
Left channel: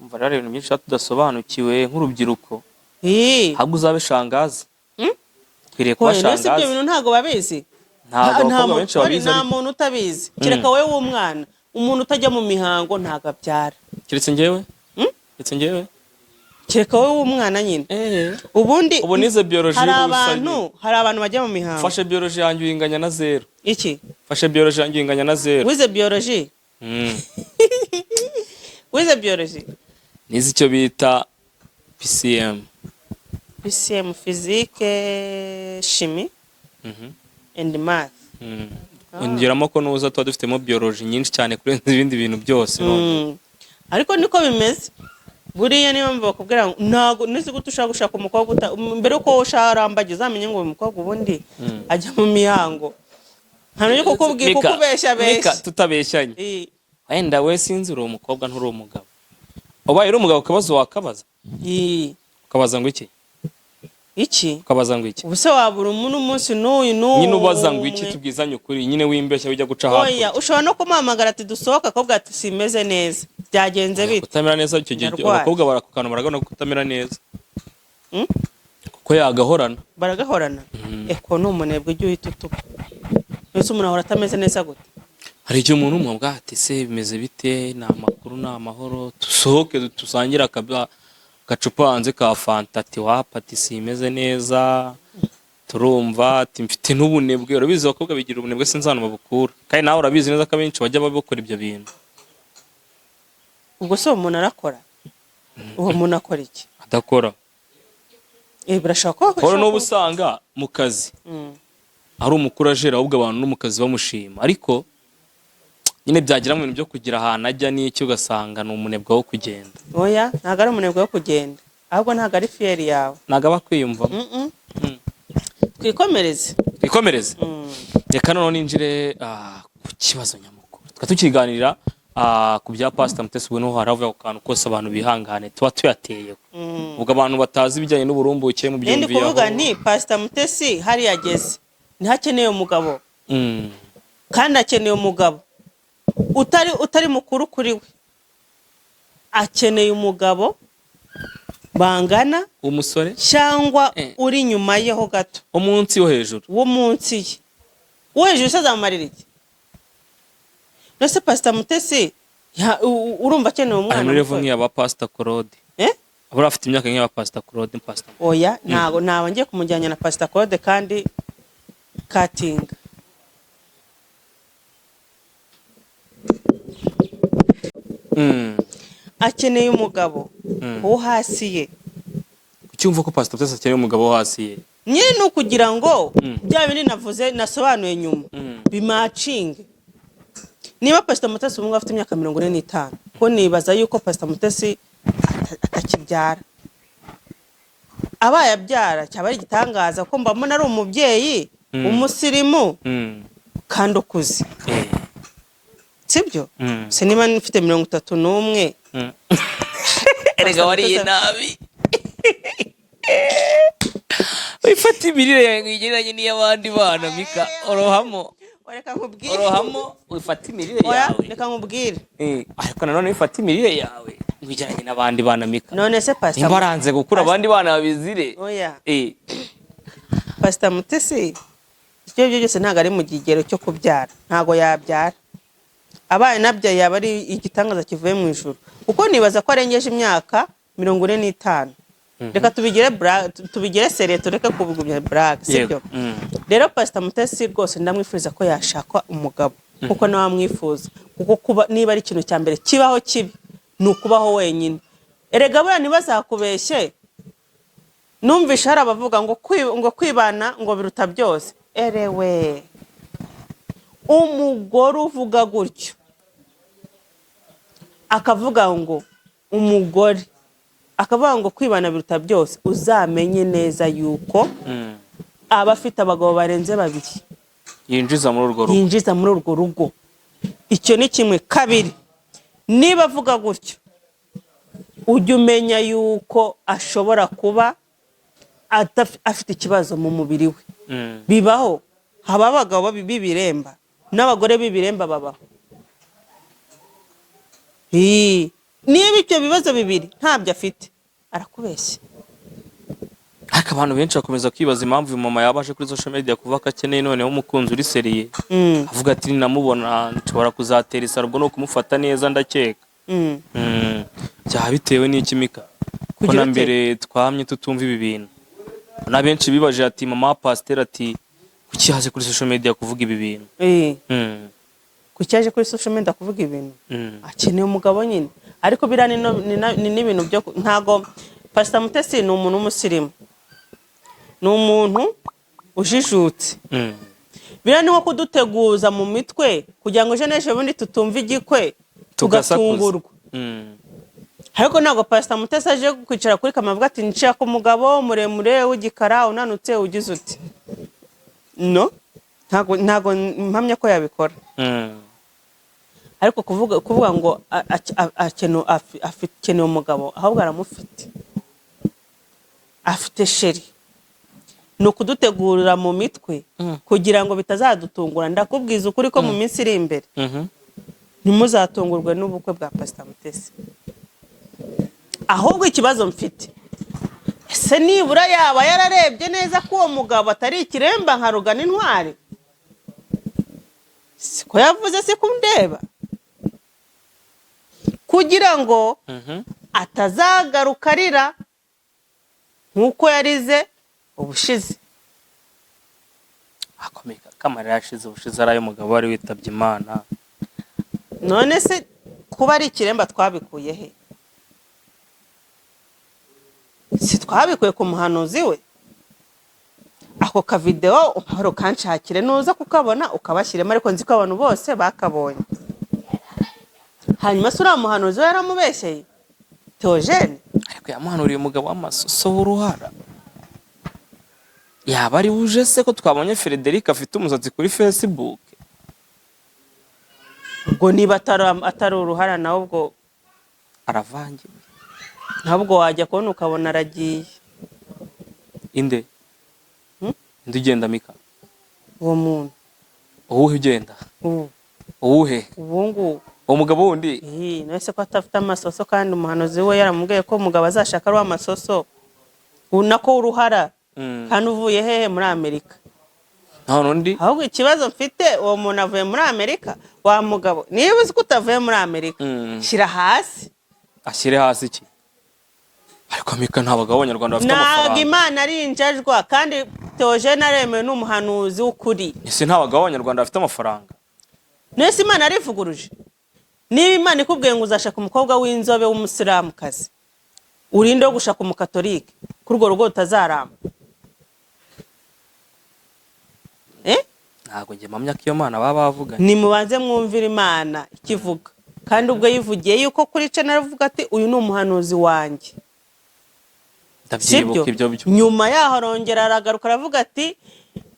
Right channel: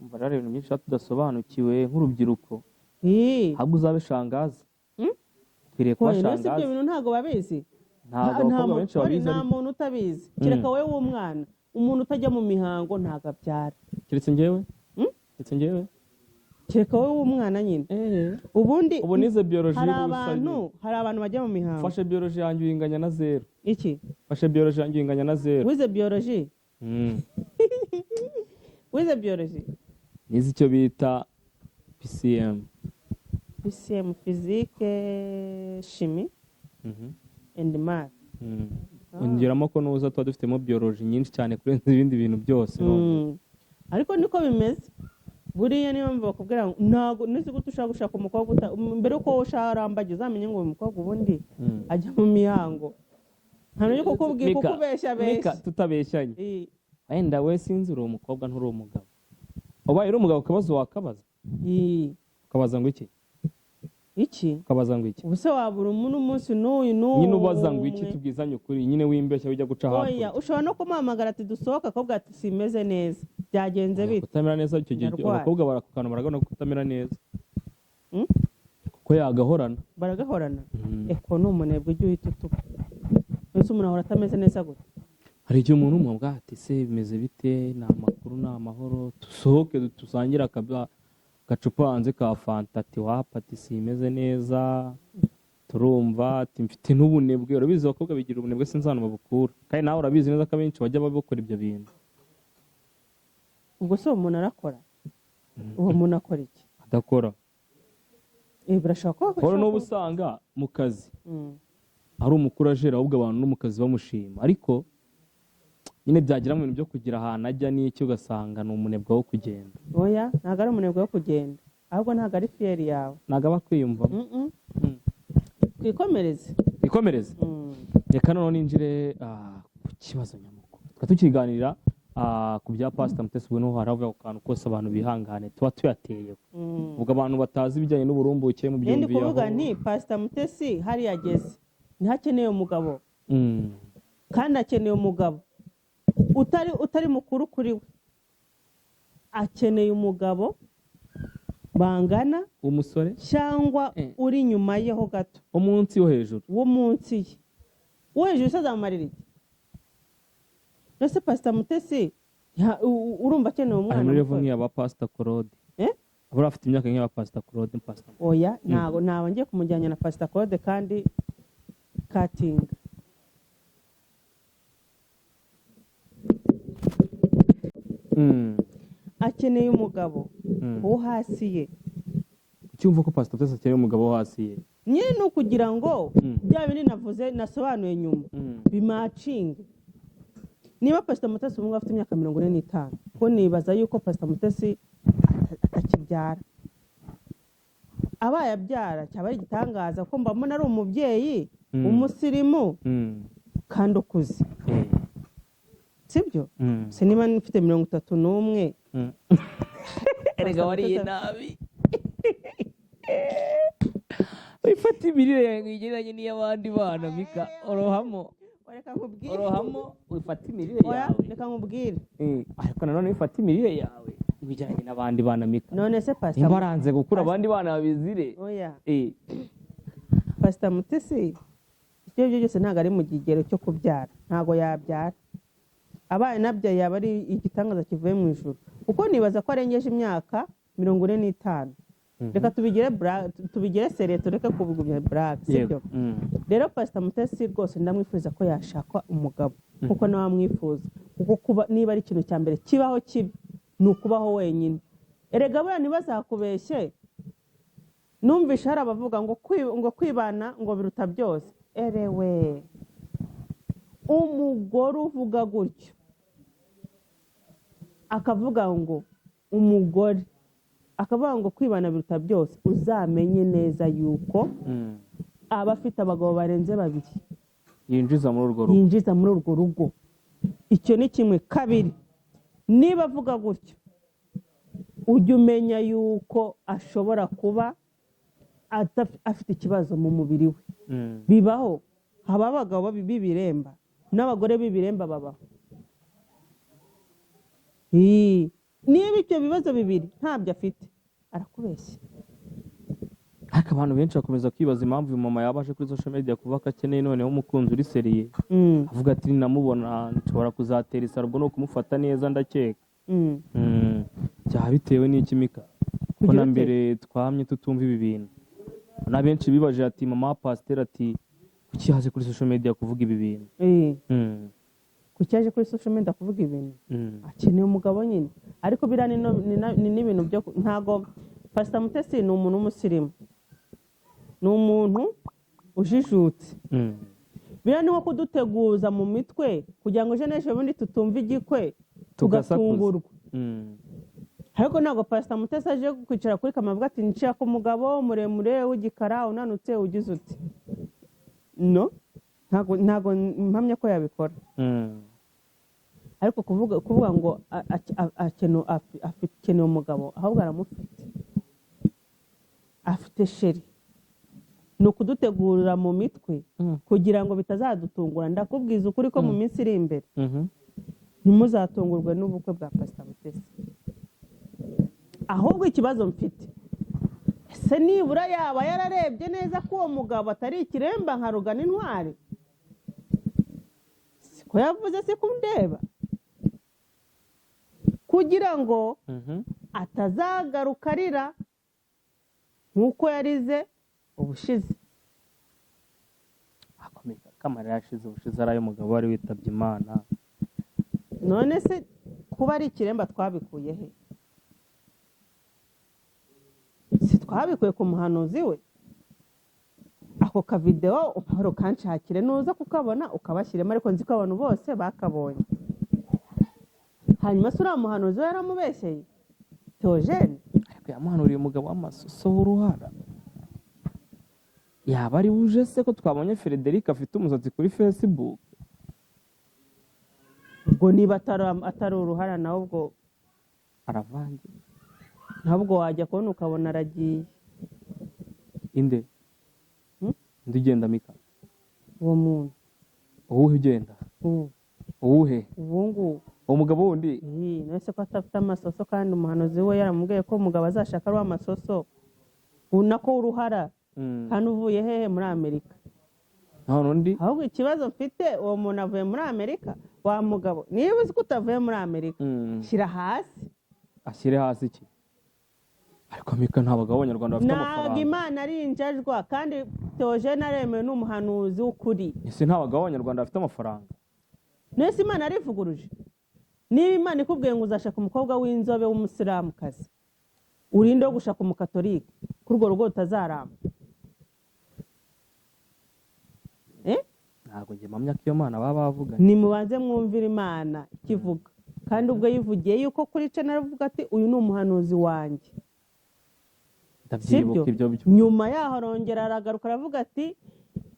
Umva rero ibintu byinshi tudasobanukiwe nk'urubyiruko. Ahubwo uzabe shangazi. Twiriye kuba shangazi. Ibyo bintu ntago babizi. Ntabwo benshi babizi. Nta muntu utabizi. Kireka wowe w'umwana, umuntu utajya mu mihango ntago abyara. Kiretse njyewe? Kireka wowe w'umwana nyine. Ubundi ubu nize biology hari abantu bajya mu mihango. Fashe biology yanjye uyinganya na 0. Iki? Fashe biology yanjye uyinganya na 0. Wize biology? Wize biology? Nize icyo bita PCM. PCM, physique, chimie and math. Ongeramo ko nuza tuba dufitemo biology nyinshi cyane kurenza ibindi bintu byose. Ariko niko bimeze. buriya niyo mpamvu bakubwira ngo ntago nizi gute ushaka gushaka umukobwa mbere uko usharambagiza uzamenye ngo uyu mukobwa ubundi ajya mu mihango nta n'uko kukubwira kukubeshya Mika tutabeshyanye wenda we sinzi uri umukobwa nturi umugabo ubaye uri umugabo ukabaza wakabaza ukabaza ngo iki ukabaza ngo iki ubuse wabura umuntu umunsi n'uyu nyine ubaza ngo iki tubwizanye ukuri nyine wimbeshya wijya guca hafi oya ushobora no kumuhamagara ati dusohoka akobwa ati simeze neza byagenze bite kutamera neza icyo gihe abakobwa barakukana baragana kutamera neza kuko yagahorana baragahorana eko ni umunebwe ujya uhita utuka mbese umuntu ahora atameze neza gute hari igihe umuntu umubwira ati se bimeze bite ni amakuru ni amahoro dusohoke dusangire agacupa hanze ka fanta ati wapa ati simeze neza turumva ati mfite n'ubunebwe urabizi abakobwa bigira ubunebwe sinzi ahantu babukura kandi nawe urabizi neza ko abenshi bajya babikora ibyo bintu ubwo se uwo muntu arakora uwo muntu akora iki adakora birashoboka ko n'ubu usanga mu kazi ari umukurajeri ahubwo abantu no mu kazi bamushima ariko nyine byagira mu bintu byo kugira ahantu ajya n'icyo ugasanga ni umunebwe wo kugenda oya ntabwo ari umunebwe wo kugenda ahubwo ntabwo ari fiyeri yawe ntabwo aba akwiyumvamo twikomereze reka noneho ninjire ku kibazo nyamukuru tukaba tukiganirira ku bya Pastor Mutesi ubwo niho haravuga ku kantu kose abantu bihangane tuba tuyateyeho ubwo abantu batazi ibijyanye n'uburumbuke mu byumviyeho ndi kuvuga nti Pastor Mutesi hari yageze ntihakeneye umugabo kandi akeneye umugabo utari mukuru kuri we akeneye umugabo bangana umusore cyangwa uri nyuma yeho gato umunsi wo hejuru ye uwo hejuru se azamarira iki nose Pastor Mutesi urumva akeneye umwana muri level nk'iyaba Pastor Claude abura afite imyaka nk'iyaba Pastor Claude oya ntago ngiye kumujyanya na Pastor Claude kandi katinga akeneye umugabo wo hasi ye ucyumva ko Pastor Mutesi akeneye umugabo wo hasi ye nyine ni ukugira ngo bya bindi navuze nasobanuye nyuma bimacinge niba Pastor Mutesi umwe afite imyaka 45 ko nibaza yuko Pastor Mutesi atakibyara abaye abyara cyaba ari igitangaza ko mbamona ari umubyeyi umusirimu kandi ukuze sibyo se niba mfite 31 erega wariye nabi wifata imirire yawe igereranye n'iy'abandi bana Mika orohamo wifata imirire yawe reka nkubwire ariko nanone wifata imirire yawe wigeranye n'abandi bana Mika none se Pastor nimba aranze gukura abandi bana babizire oya Pastor Mutesi icyo byose ntabwo ari mu kigero cyo kubyara ntabwo yabyara abaye nabyaye yaba ari igitangaza kivuye mu ijuru kuko nibaza ko arengeje imyaka 45 reka tubigire seriye tureke kubigumya brag sibyo rero Pastor Mutesi rwose ndamwifuriza ko yashaka umugabo kuko nawe amwifuza kuko kuba niba ari ikintu cya mbere kibaho kibi ni ukubaho wenyine erega buriya ntibazakubeshye numvisha hari abavuga ngo kwibana ngo biruta byose erewe umugore uvuga gutyo akavuga ngo umugore akavuga ngo kwibana biruta byose uzamenye neza yuko aba afite abagabo barenze 2 yinjiza muri urwo rugo icyo ni kimwe kabiri niba avuga gutyo ujya umenya yuko ashobora kuba afite ikibazo mu mubiri we bibaho haba abagabo b'ibiremba n'abagore b'ibiremba babaho niba ibyo bibazo bibiri ntabyo afite arakubeshya ariko abantu benshi bakomeza kwibaza impamvu uyu mama yabaje kuri social media kuvuga ko akeneye noneho umukunzi uri seriye avuga ati ninamubona nshobora kuzatera isaro ubwo no kumufata neza ndakeka byaba bitewe n'iki Mika ko na mbere twamye tutumva ibi bintu na benshi bibaje ati mama Pastor ati kuki yaje kuri social media kuvuga ibi bintu kuki yaje kuri social media kuvuga ibintu akeneye umugabo nyine ariko bira ni n'ibintu byo ntago Pastor Mutesi ni umuntu w'umusirimu ni umuntu ujijutse bira ni nko kuduteguza mu mitwe kugira ngo ejo n'ejo bundi tutumva igikwe tugatungurwa ariko ntabwo Pastor Mutesi aje kwicara kuri kamera avuga ati nshaka umugabo muremure w'igikara unanutse ugize uti no ntabwo mpamya ko yabikora. Ariko kuvuga ngo akeneye umugabo ahubwo aramufite, afite sheri, ni ukudutegurira mu mitwe kugira ngo bitazadutungura. Ndakubwiza ukuri ko mu minsi iri imbere ntimuzatungurwe n'ubukwe bwa Pastor Mutesi. Ahubwo ikibazo mfite, ese nibura yaba yararebye neza ko uwo mugabo atari ikiremba nka Rugana Intwari? Siko yavuze, si kundeba, kugira ngo atazagaruka arira nk'uko yarize ubushize. Akomeka kamara yashize ubushize ari umugabo wari witabye Imana. None se kuba ari ikiremba twabikuye he? Si twabikuye ku muhanuzi we? Ako ka video uhoro kanshakire nuza kukabona ukabashyiremo, ariko nzi ko abantu bose bakabonye. Hanyuma sura muhanuzi we yaramubeshyeye Theogene, ariko yamuhanuriye umugabo w'amasoso w'uruhara. Yaba ari buje se ko twabonye Frederic afite umusatsi kuri Facebook? ubwo niba atari uruhara nawe ubwo Aravangiye. ntabwo wajya kubona ukabona aragiye. Inde? Inde ugenda Mika? Uwo muntu. Uwuhe ugenda? Uwuhe? Ubungu. Umugabo wundi? Nese ko atafite amasoso kandi umuhanuzi we yaramubwiye ko umugabo azashaka ari amasoso. Unako uruhara. Kandi uvuye hehe muri Amerika? Nta nundi? Ahubwo ikibazo mfite, uwo muntu avuye muri Amerika, wa mugabo niba uzi ko utavuye muri Amerika, shyira hasi. Ashyire hasi iki? Ariko Mika nta bagabo b'Abanyarwanda bafite amafaranga. Ntabwo Imana ari injajwa, kandi Theogene aremewe n'umuhanuzi w'ukuri. Ese nta bagabo b'Abanyarwanda bafite amafaranga? Nese Imana arivuguruje. Niba Imana ikubwiye ngo uzashaka umukobwa w'inzobe w'umusilamukazi, urinde wo gushaka umukatolike, kuri urwo rugo utazaramba. Ntabwo njye mpamya ko iyo Mana baba bavuga. Nimubanze mwumvira Imana ikivuga. Kandi ubwo yivugiye yuko kuri channel avuga ati uyu ni umuhanuzi wanjye. Ndabyibuka ibyo byo. Nyuma yaho arongera aragaruka aravuga ati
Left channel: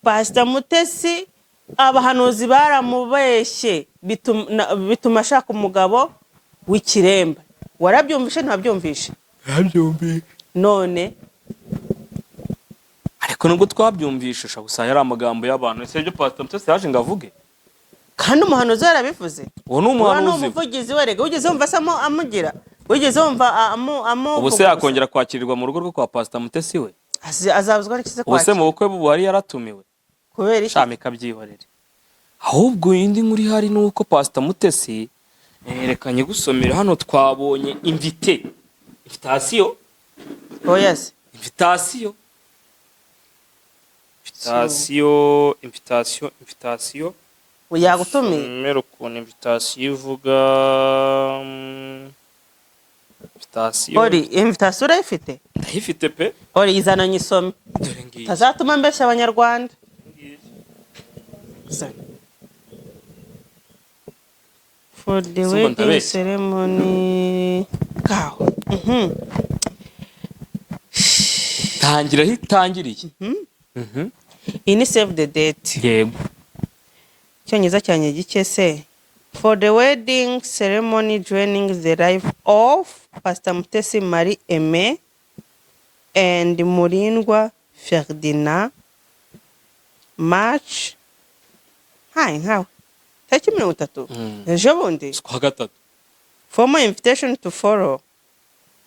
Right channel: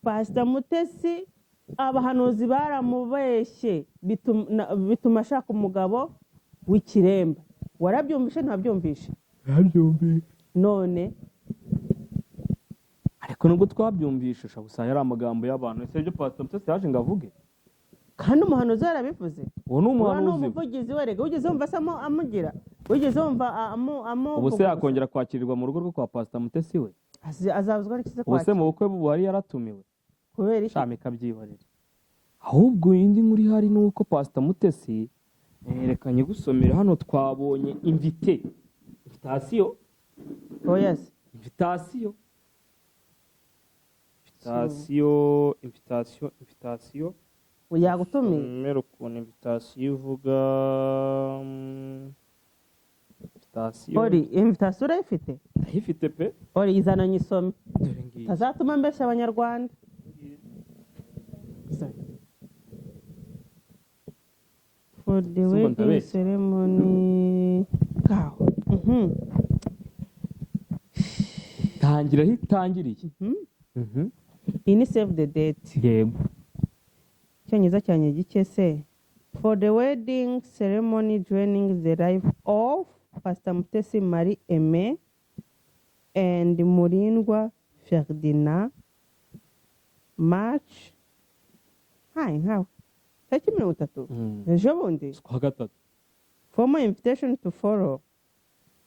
Pastor Mutesi abahanuzi baramubeshye bituma ashaka umugabo w'ikiremba. Warabyumvishe ntabyumvishe? Yabyumvishe. None ariko nubwo twabyumvishisha gusa yari amagambo y'abantu. Ese byo Pastor Mutesi yaje ngavuge? Kandi umuhanuzi yarabivuze. Uwo ni umuhanuzi. Uwo umuvugizi we rega ugeze wumva samo amugira. Ugeze wumva ubu se yakongera kwakirirwa mu rugo rwo kwa Pastor Mutesi we? Azabuzwa n'ikize kwakira. Ubu se mu bukwe buhari yaratumiwe? Kubera iki? Shamika byihorere. Ahubwo indi nkuri hari nuko Pastor Mutesi yerekanye gusomera hano twabonye invitation. Oh yes. Invitation. Yagutumiye. Mero ku invitation ivuga invitation. Ori invitation urayifite? Ndayifite pe. Ori izana nyisome. Dore ngiye. Tazatuma mbesha Abanyarwanda. For the wedding ceremony. Kaho. Tangira hitangiriye. Iyi ni save the date. Yego. Cyongereza cyanye gike se. For the wedding ceremony joining the life of Pastor Mutesi Marie Aime and Murindwa Ferdinand, March nkawe tariki 30 ejo bundi kwa gatatu. Formal invitation to follow.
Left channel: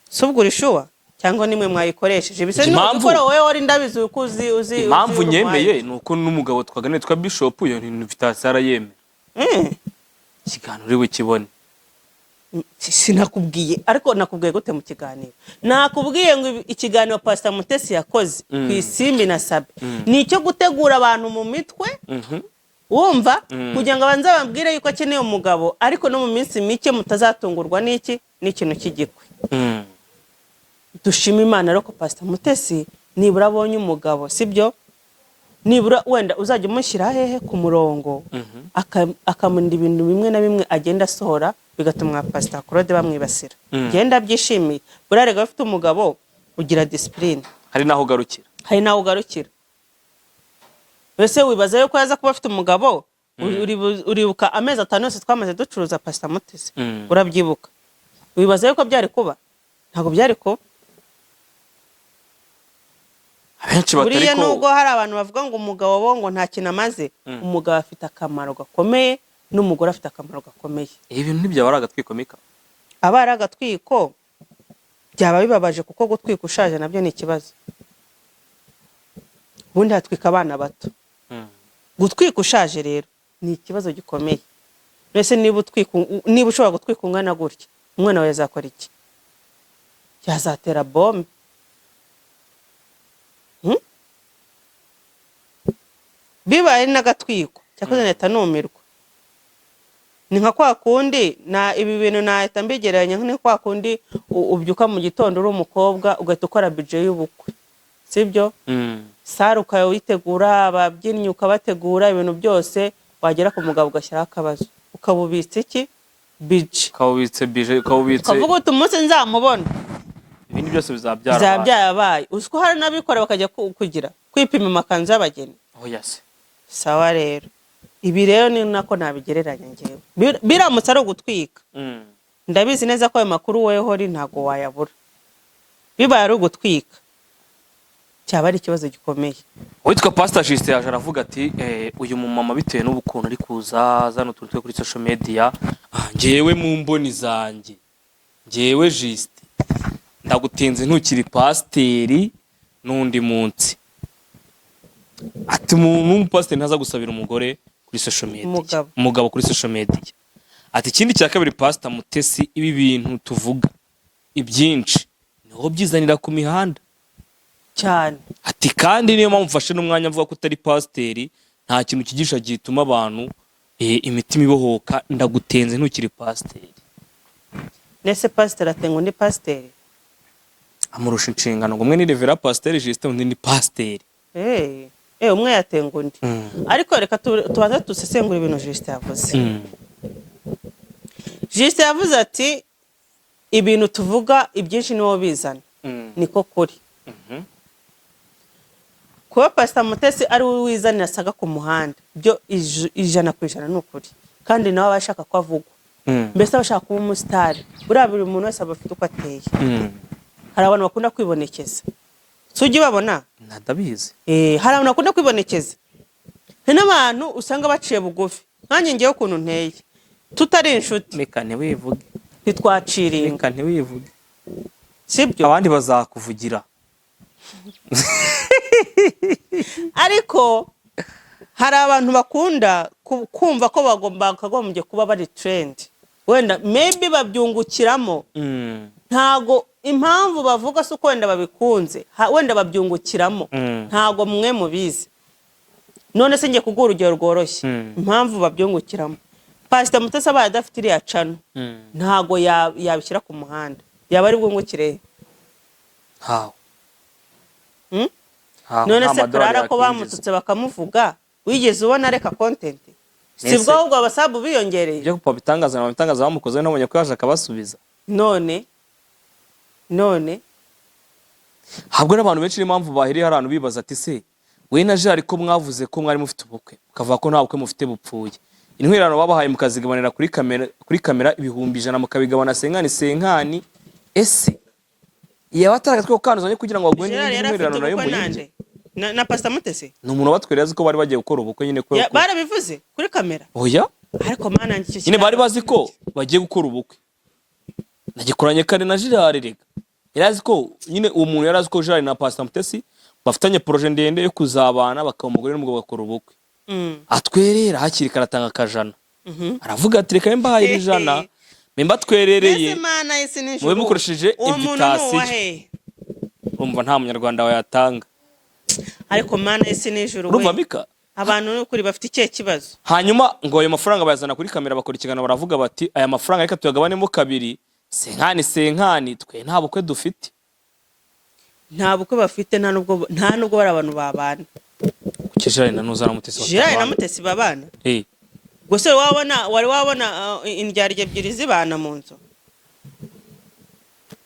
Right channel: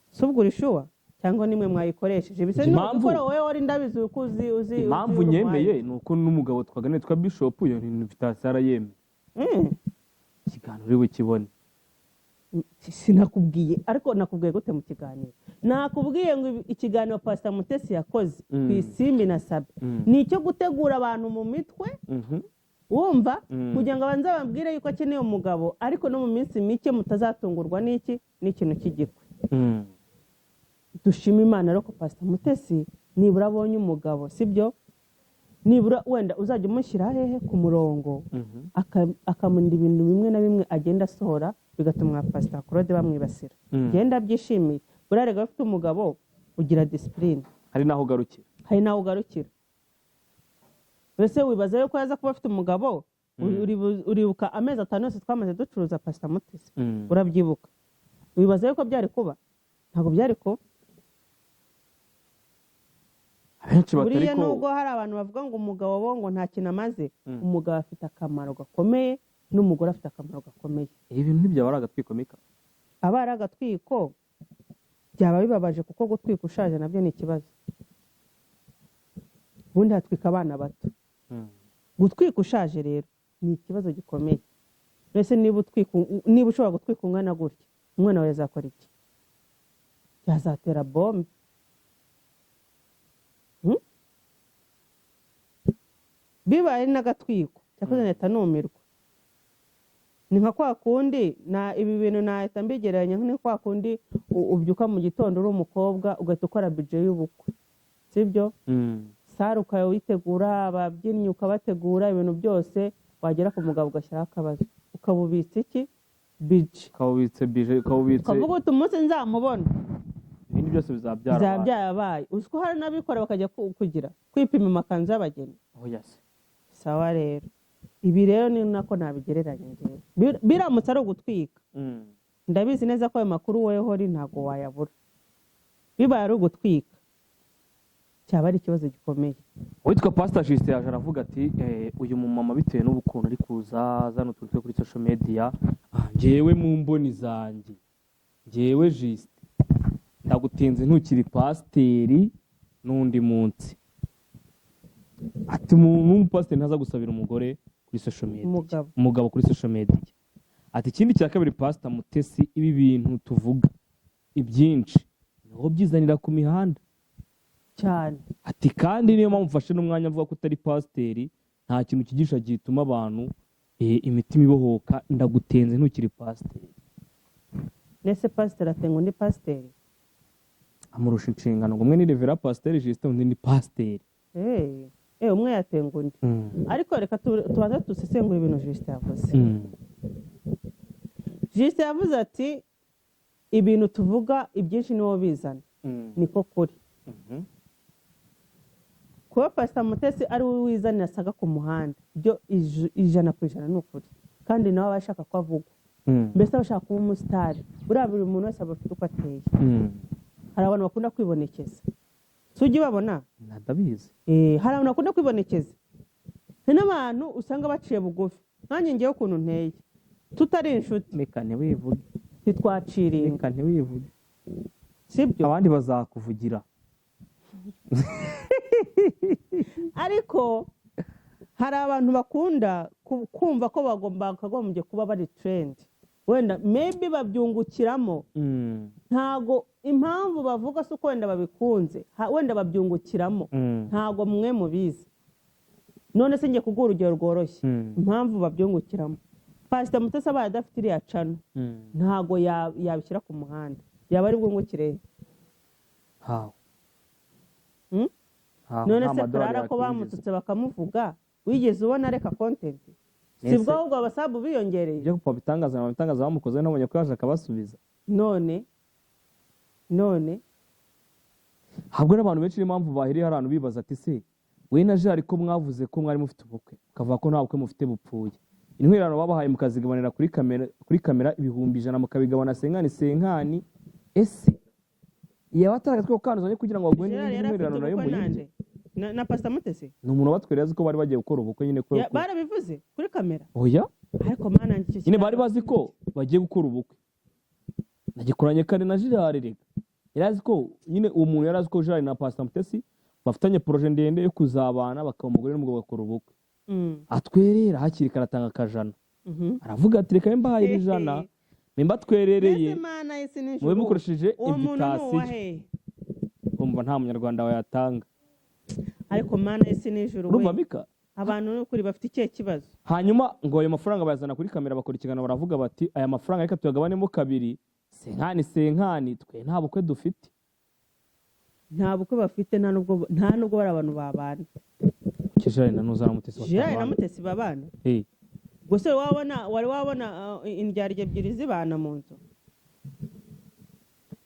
Subwo rishuwa cyangwa nimwe mwayikoresheje bise no gukora wowe wari ndabizi uzi impamvu nyemeye nuko n'umugabo twaganire twa Bishop yo invitation arayeme. Kiganiro we kibone. Sinakubwiye ariko nakubwiye gute mu kiganiro? Nakubwiye ngo ikiganiro Pastor Mutesi yakoze ku Isimbi na Sabe ni cyo gutegura abantu mu mitwe. Wumva kugira ngo abanze bambwire yuko akeneye umugabo, ariko no mu minsi mike mutazatungurwa n'iki n'ikintu cy'igikwe. Dushima Imana rero ko Pastor Mutesi nibura abonye umugabo, sibyo? nibura wenda uzajya umushyira hehe ku murongo akamurinda ibintu bimwe na bimwe agenda asohora bigatuma Pastor Claude bamwibasira. Genda byishimiye buriya rega bafite umugabo ugira discipline, hari naho ugarukira. Mbese wibaza yuko yaza kuba afite umugabo uribuka amezi 5 yose twamaze ducuruza Pastor Mutesi, urabyibuka? Wibaza yuko byari kuba? Ntabwo byari kuba. Abenshi batari buriya nubwo hari abantu bavuga ngo umugabo bo ngo nta kintu amaze, umugabo afite akamaro gakomeye n'umugore afite akamaro gakomeye. Ibintu ntibyaba ari agatwiko Mika? Aba ari agatwiko byaba bibabaje kuko gutwika ushaje nabyo ni ikibazo. Ubundi hatwika abana bato. Gutwika ushaje rero ni ikibazo gikomeye. Mbese niba ushobora gutwika ungana gutya, umwana wawe yazakora iki? Yazatera bombe. Bibaye n'agatwiko cyakoze neta numirwa. Ni nka kwa kundi na ibi bintu nahita mbigereranya nka kwa kundi ubyuka mu gitondo uri umukobwa ugahita ukora budget y'ubukwe, sibyo? Sara ukayitegura, ababyinnyi ukabategura, ibintu byose wagera ku mugabo ugashyiraho akabazo, ukabubitse iki? Budget. Ukabubitse ukavuga uti umunsi nzamubona ibindi byose bizabyabaye. Uziko hari n'abikora bakajya kugira kwipima amakanzu y'abageni. Yes. Sawa rero. Ibi rero ni nako nabigereranya ngewe. Biramutse ari ugutwika. Ndabizi neza ko ayo makuru weho ri ntago wayabura. Bibaye ari ugutwika cyaba ari ikibazo gikomeye. Witwa Pastor Justin yaje aravuga ati uyu mumama bitewe n'ubukuntu ari kuza zano turutwe kuri social media, ngewe mu mboni zanjye, ngewe Justin ndagutinze ntukiri pasteri n'undi munsi. Ati umuntu pastor ntaza gusabira umugore kuri social media, umugabo kuri social media. Ati ikindi cya kabiri Pastor Mutesi, ibi bintu tuvuga ibyinshi niho byizanira ku mihanda cyane. Ati kandi niyo mpamvu mfashe n'umwanya mvuga ko utari pasteri, nta kintu kigisha gituma abantu imitima ibohoka. Ndagutenze ntukiri pasteri. Nese pastor atengo ndi pasteri amurusha inshingano ngo umwe ni Revera Pasteur Justin undi ni pasteri. Umwe yatengo undi. Ariko reka tubaza dusesengura ibintu Justin yavuze. Justin yavuze ati ibintu tuvuga ibyinshi niwo bizana. Niko kuri. Kuba Pastor Mutesi ari we wizanira saga ku muhanda byo 100% n'ukuri, kandi nawe abashaka ko avugwa. Mbese abashaka kuba umusitari, buriya buri muntu wese aba afite uko ateye. Hari abantu bakunda kwibonekeza, sujye babona nadabizi. Hari abantu bakunda kwibonekeza, hari n'abantu usanga baciye bugufi. Nanjye ngewe ukuntu nteye tutari inshuti, reka ntiwivuge, ntitwaciringa, reka ntiwivuge, sibyo? Abandi bazakuvugira. Ariko hari abantu bakunda kumva ko bakagombye kuba bari trend, wenda maybe babyungukiramo. Ntago impamvu bavuga se uko wenda babikunze, wenda babyungukiramo, ntago mwe mubizi. None se ngiye kugura urugero rworoshye impamvu babyungukiramo. Pastor Mutesi abaye adafite iriya cano, ntago yabishyira ku muhanda, yaba ari bwungukire. None se kurara ko bamututse bakamuvuga, wigeze ubona reka content? Sibwo ahubwo abasabu biyongereye. Ibyo kupa bitangaza bamukoze nabonye ko yaje akabasubiza. None habwo n'abantu benshi n'impamvu bahiriye abantu bibaza ati se we na Jari ko mwavuze ko mwari mufite ubukwe ukavuga ko nta bukwe mufite bupfuye, intwirano babahaye mukazigabanira kuri kamera 100,000 mukabigabana senkani. Ese yaba ataragatwe kanuzanye kugira ngo bagwe n'intwirano nayo muyinje na Pastor Mutesi? Ni umuntu batwereza ko bari bagiye gukora ubukwe nyine ko barabivuze kuri kamera. Oya, ariko mana ngicyo nyine bari bazi ko bagiye gukora ubukwe. Nagikoranye kare na Jari rega, yarazi ko nyine uwo muntu yarazi ko Jari na Pastor Mutesi bafitanye projet ndende yo kuzabana bakaba umugore n'umugabo bakora ubukwe. Atwerera hakiri karatanga akajana. Aravuga ati reka mbahaye 100 memba twerereye mwe mukoresheje invitation. Urumva nta munyarwanda wayatanga. Ariko mana ese nijoro we. Urumva Mika? Abantu n'ukuri bafite ikihe kibazo. Hanyuma ngo ayo mafaranga bayazana kuri kamera bakora ikiganiro baravuga bati aya mafaranga reka tuyagabanemo kabiri, senkani twe nta bukwe dufite. Nta bukwe bafite, nta nubwo bari abantu babana. Gerard na Nuza na Mutesi Gerard na Mutesi babana gusa wari wabona indyarya ebyiri zibana mu nzu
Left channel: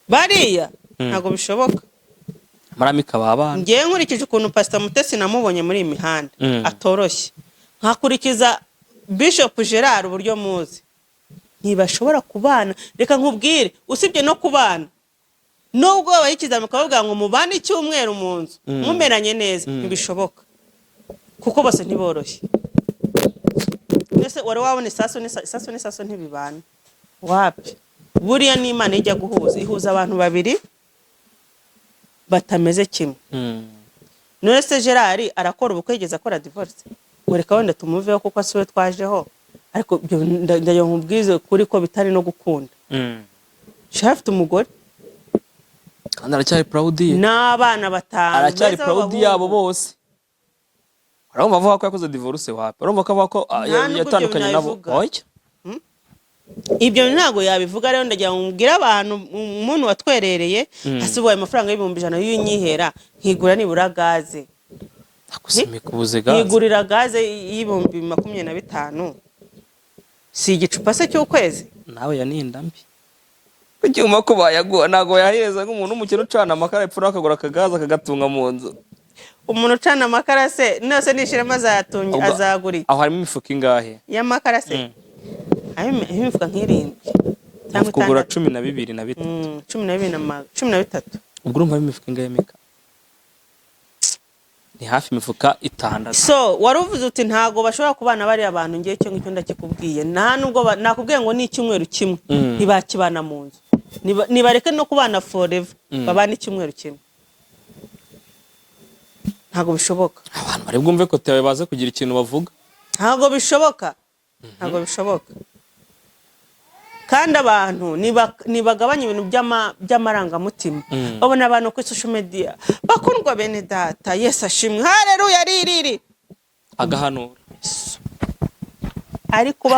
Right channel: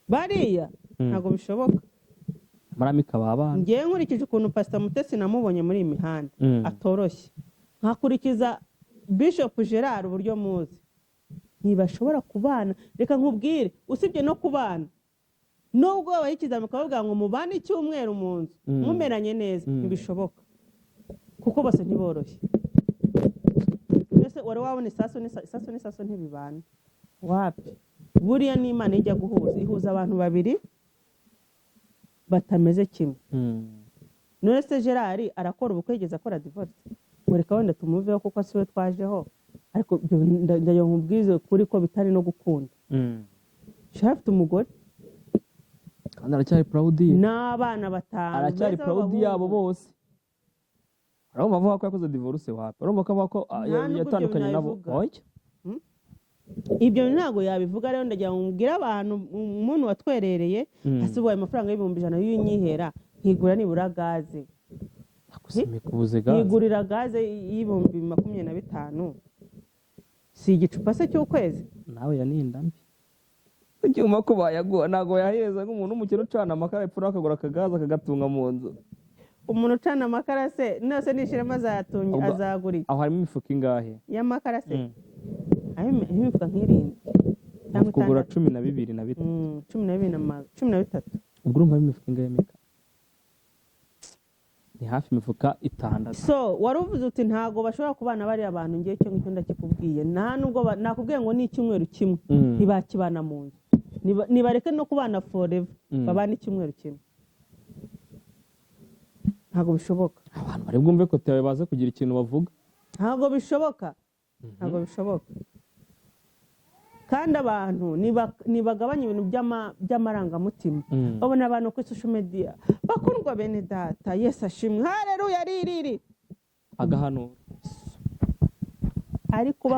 bariya ntago bishoboka. Maramika babana ngiye nkurikije ukuntu Pastor Mutesi namubonye muri iyi mihanda atoroshye, nkakurikiza Bishop Gerard uburyo muzi, ntibashobora kubana. Reka nkubwire, usibye no kubana, nubwo bayikiza mukavuga ngo mubane icyumweru mu nzu mumeranye neza, ntibishoboka kuko bose ntiboroshye. Ese wari wabona isaso ntibibana wapi? Buriya n'Imana ijya guhuza, ihuza abantu babiri batameze kimwe. None se Gerard arakora ubukwe yigeze akora divorce? Ureka wenda tumuveho kuko asiwe twajeho, ariko ndayo nkubwize kuri ko bitari no gukunda. Afite umugore kandi aracyari proud ye n'abana batanu, aracyari proud yabo bose. Urumva avuga ko yakoze divorce wapi? Urumva ko avuga ko yatandukanye nabo? Oya, ibyo ntago yabivuga. Rero ndagira ngo mbwire abantu, umuntu watwerereye hasibuye amafaranga y'ibihumbi 100 y'inyihera, nkigura nibura gaze, akusimikubuze gaze, nkigurira gaze y'ibihumbi 25, si igicupa se cy'ukwezi. nawe yaninda mbi kucyuma ko bayaguha nago yaheza nk'umuntu umukino ucana amakara epfura akagura akagaza akagatunga mu nzu. Umuntu ucana amakara se nose nishirema azatunga azagura iki? Aho harimo imifuka ingahe y'amakara se? Imifuka nk'irindwi cyangwa kugura 12 na 3 13. ubwo urumva imifuka ingahe meka? Ni hafi imifuka 6. So waruvuze uti ntago bashobora kubana bari abantu, ngiye cyo ngicyo ndakikubwiye. Nta nubwo nakubwiye ngo ni icyumweru kimwe ntibakibana mu nzu, nibareke no kubana forever, babana icyumweru kimwe. Ntago bishoboka. Abantu bari bwumve ko tewe baze kugira ikintu bavuga. Ntago bishoboka, ntago bishoboka. Kandi abantu nibagabanya ibintu by'amarangamutima. Babona abantu kuri social media bakundwa bene data, Yesu ashimwe, haleluya, ririri agahanura. Ariko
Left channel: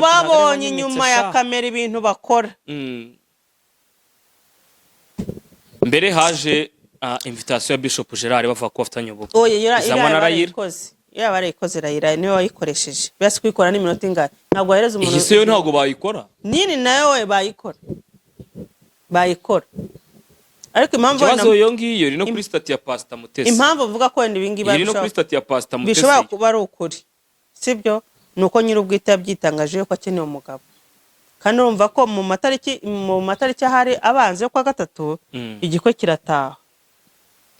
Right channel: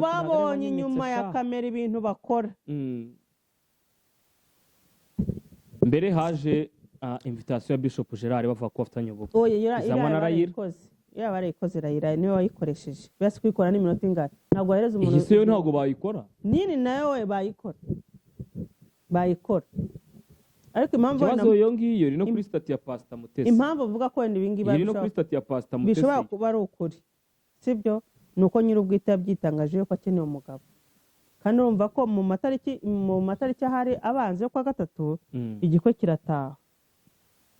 babonye inyuma ya kamera ibintu bakora. Mbere haje invitation ya Bishop Gerard bavuga ko afatanye ubukwe. Oya, barayikoze Rayira niwe wayikoresheje. Basi kwikora n'iminota ingahe? Ntabwo ahereza umuntu. Ihise yo ntabwo bayikora. Nini nayo we bayikora. Ariko impamvu ikibazo yo ngiyo iri no kuri stati ya Pastor Mutesi. Impamvu uvuga ko wenda ibingi iri no kuri stati ya Pastor Mutesi. Bishobora kuba ari ukuri, sibyo? Nuko nyir'ubwite yabyitangaje ko akeneye umugabo. Kandi urumva ko mu matariki ahari abanze kwa gatatu igikwe kirataha,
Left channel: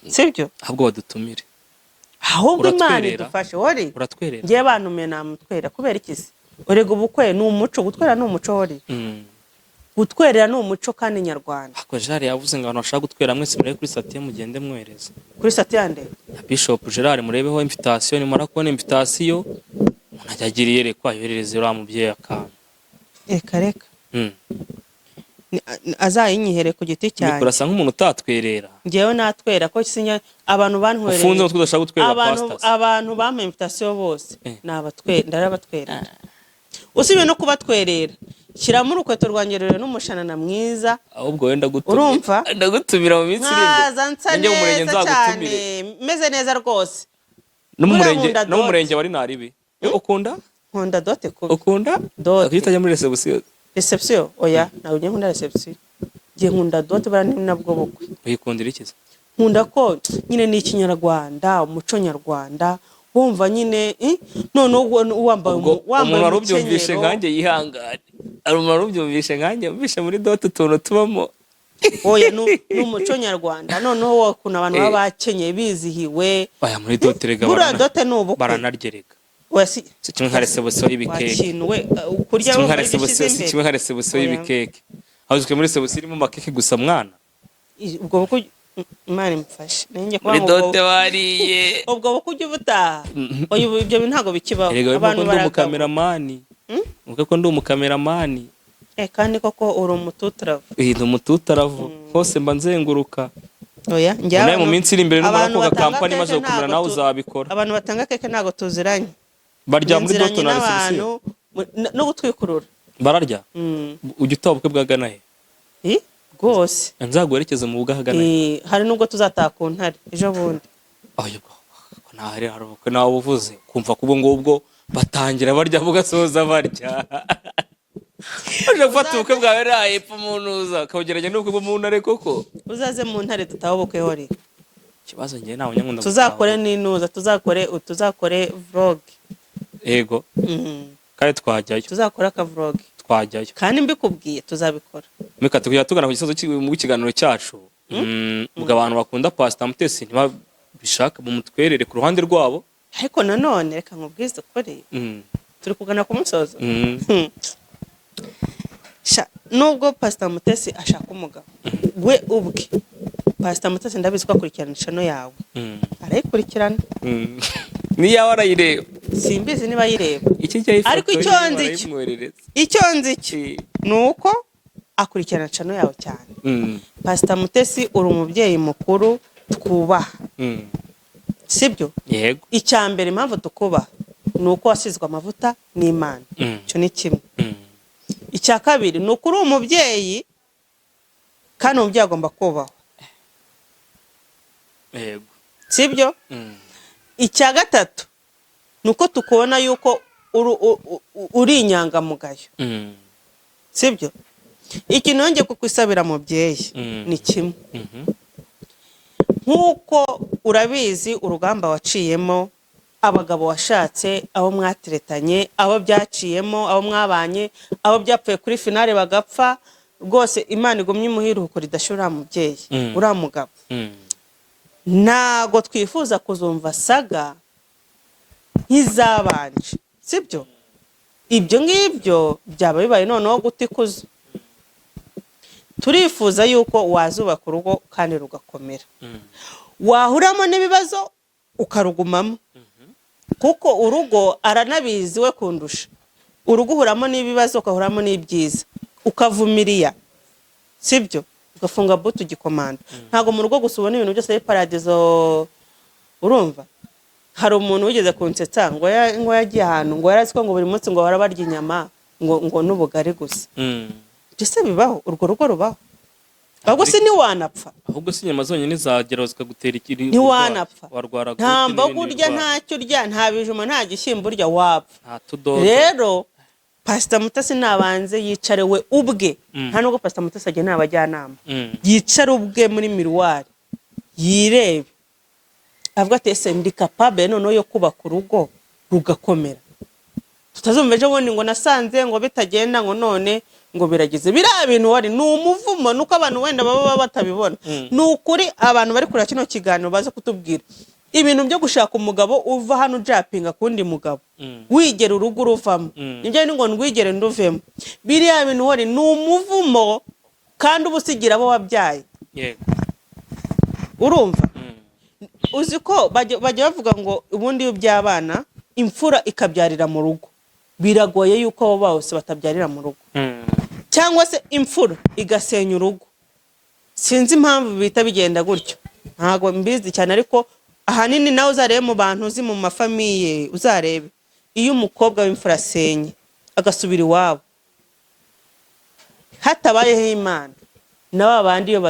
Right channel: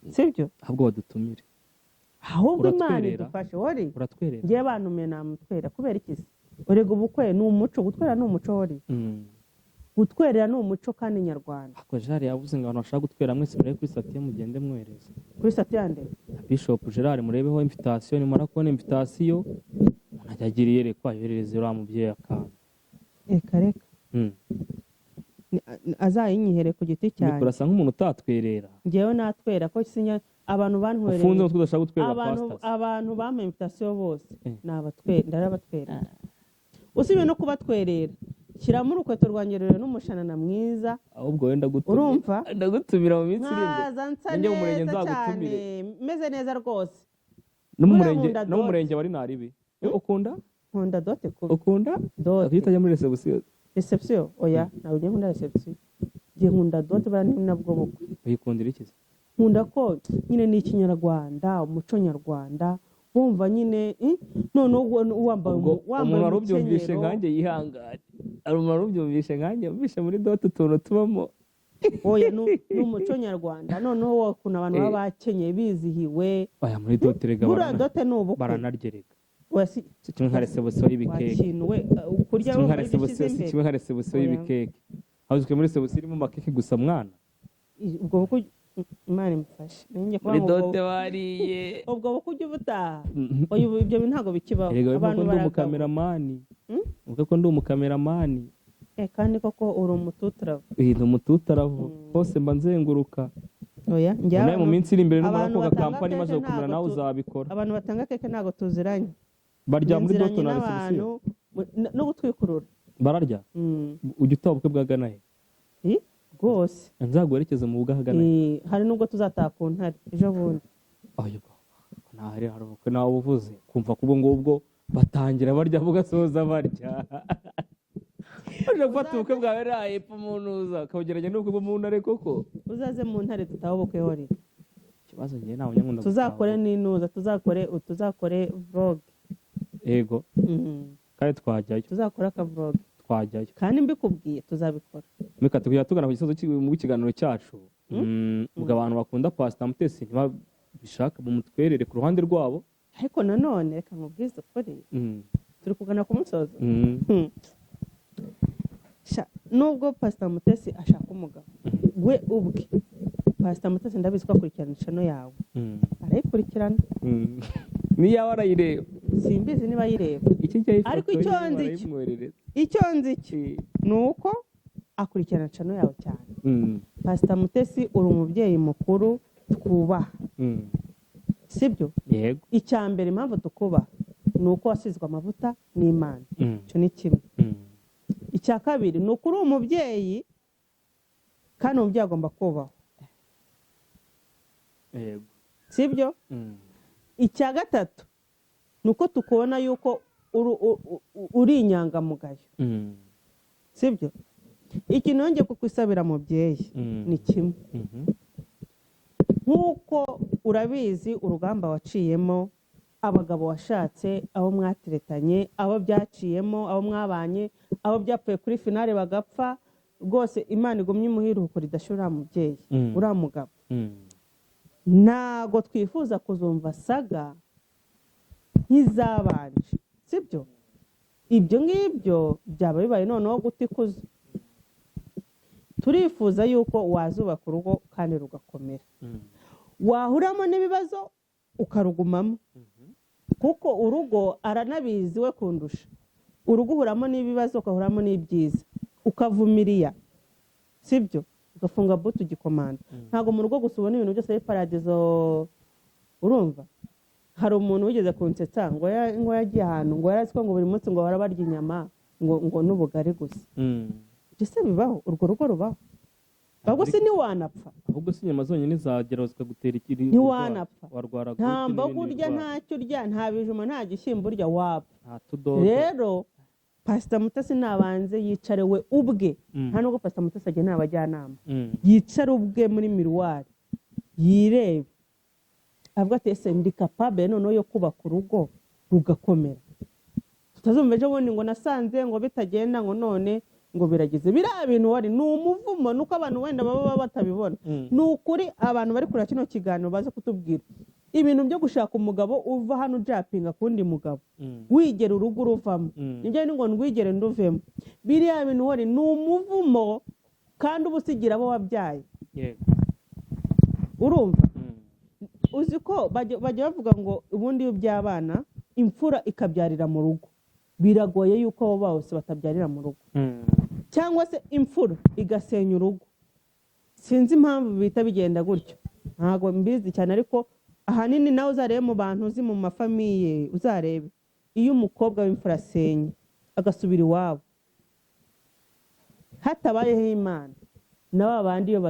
sibyo? Ahubwo badutumire. Ahubwo Imana idufashe. Uratwerera. Ngiye bantume namutwera kubera ikisi. Urega ubukwe ni umuco, gutwera ni umuco wori. Gutwerera ni umuco kandi nyarwanda. Ako Gerard yavuze ngo abantu bashaka gutwera mwese murebe kuri stati mugende mwereza. Kuri stati yande? Bishop Gerard murebeho invitation, ni mara kubona invitation umuntu ajagiriye rekwa yohereze ura mubyeyi akana. Reka. Azayinyihere ku giti cyane. Nikurasa nk'umuntu utatwerera. Ngewe natwera ko sinya abantu bantwerera. Ufunze utwo udashaka gutwerera pastors. Abantu bampa invitation bose ndarabatwera. Usibye no kubatwerera, shyiramo urukweto rwangerere n'umushanana mwiza. Ahubwo wenda gutumira. Urumva? Ndagutumira mu minsi iri. Njye mu murenge nzagutumire. Meze neza rwose. N'umurenge bari naribi. Ukunda? Nkunda dote ko. Ukunda? Dote. Akitajya muri reception. Reception? Oya, nawe njye nkunda reception. Njye nkunda dote bara nabwo bukwe. Uyikundira ikiza? Nkunda ko nyine ni ikinyarwanda, umuco nyarwanda. Wumva nyine none wambaye umuntu ubyumvishe nkanjye yihangane. Ari umuntu ubyumvishe nkanjye mbishe muri dote utuntu tubamo. Oya n'umuco nyarwanda. Noneho wakuna abantu baba bakenyeye bizihiwe. Aya muri dote rega baranargereka. Wasi kimwe nka reception y'ibikeke. Wakinwe kurya kimwe nka reception y'ibikeke. Ahuzwe muri reception irimo makeke gusa mwana. Ubwo buko Imana imfashe. Nenge kwa ngo dote wariye. Ubwo buko ujye butaha. Oya ibyo ntago bikibaho. Abantu bari umukameramani. Uvuga ko ndi umukameramani. Kandi koko uri umututaravu. Ndi umututaravu. Hose mba nzenguruka. Oya njya mu minsi iri imbere n'umara ko kampani maze gukomera nawe uzabikora. Abantu batanga keke ntago tuziranye. Barya muri doto na reception no gutwikurura. Bararya? Ujya utabukwe bwagana he? Rwose. Nzaguherekeza mu bugahagana. Hari nubwo tuzataha ku Ntare ejo bundi. ntahari hari ubukwe nawe uvuze kumva kubo ngubwo batangira barya bugasoza barya uje gufata ubukwe bwawe raye epfo munuza kawugeranya n'ubukwe bwo mu ntare koko uzaze mu ntare tutaha ubukwe hori ikibazo ngiye ntawe nyakunda tuzakore n'inuza tuzakore vlog yego kandi twajyayo tuzakora aka vlog twajyayo kandi mbikubwiye tuzabikora mika tukujya tugana ku gisozo mu kiganiro cyacu ubwo abantu bakunda Pastor Mutesi ntibabishaka mu mutwerere ku ruhande rwabo ariko nanone reka nkubwize ukuri turi kugana ku musozo nubwo Pastor Mutesi ashaka umugabo we ubwe Pastor Mutesi ndabizi ko akurikirana channel yawe arayikurikirana niyo arayireba simbizi niba ayireba ariko icyo nzi nuko akurikirana channel yawe cyane Pastor Mutesi uri umubyeyi mukuru twubaha sibyo yego icyambere impamvu tukubaha nuko wasizwe amavuta n'Imana cyo ni kimwe icya kabiri nuko uri umubyeyi kandi umubyeyi agomba kubaho yego sibyo icya gatatu nuko tukubona yuko uri inyangamugayo sibyo ikintu yongeye kukwisabira mubyeyi ni kimwe nk'uko urabizi urugamba waciyemo abagabo washatse abo mwatiretanye abo byaciyemo abo mwabanye abo byapfuye kuri finale bagapfa rwose Imana igumye imuhiruko ridashira mubyeyi uriya mugabo ntago twifuza kuzumva saga nk'izabanje sibyo ibyo ngibyo byaba bibaye noneho gutikuza turifuza yuko wazubaka urugo kandi rugakomera wahuramo n'ibibazo ukarugumamo kuko urugo aranabizi we kundusha urugo uhuramo n'ibibazo ukahuramo n'ibyiza ukavumiriya sibyo ugafunga butu gikomanda ntago mu rugo gusa ubona ibintu byose ari paradizo urumva hari umuntu wigeze kunsetsa ngo yagiye ahantu ngo yarazi ko ngo buri munsi ngo barabarya inyama ngo n'ubugari gusa byose bibaho urwo rugo rubaho ahubwo si ntiwanapfa ahubwo si inyama zonyine zagera zikagutera ikiri ntiwanapfa warwara nta mboga urya ntacyo urya nta bijuma nta gishyimbo urya wapfa nta tudodo rero Pastor Mutesi nabanze yicare we ubwe nta nubwo Pastor Mutesi agiye n'abajyanama yicare ubwe muri miruwari yirebe avuga ati ese ndi capable noneho yo kubaka urugo rugakomera tutazumva ejo bundi ngo nasanze ngo bitagenda ngo none ngo biragize biriya bintu wari ni umuvumo nuko abantu wenda baba batabibona ni ukuri abantu bari kuri kino kiganiro baza kutubwira ibintu byo gushaka umugabo uva hano ujapinga kundi mugabo wigera urugo uruvamo nibyo ni ngo ndwigere nduvemo biriya bintu wari ni umuvumo kandi ubusigira abo wabyaye urumva uzi ko bajya bavuga ngo ubundi by'abana imfura ikabyarira mu rugo biragoye yuko abo bose batabyarira mu rugo cyangwa se imfura igasenya urugo sinzi impamvu bita bigenda gutyo ntago mbizi cyane ariko ahanini nawe uzarebe mu bantu uzi mu mafamiye uzarebe iyo umukobwa w'imfura asenye agasubira iwabo hatabayeho Imana na babandi iyo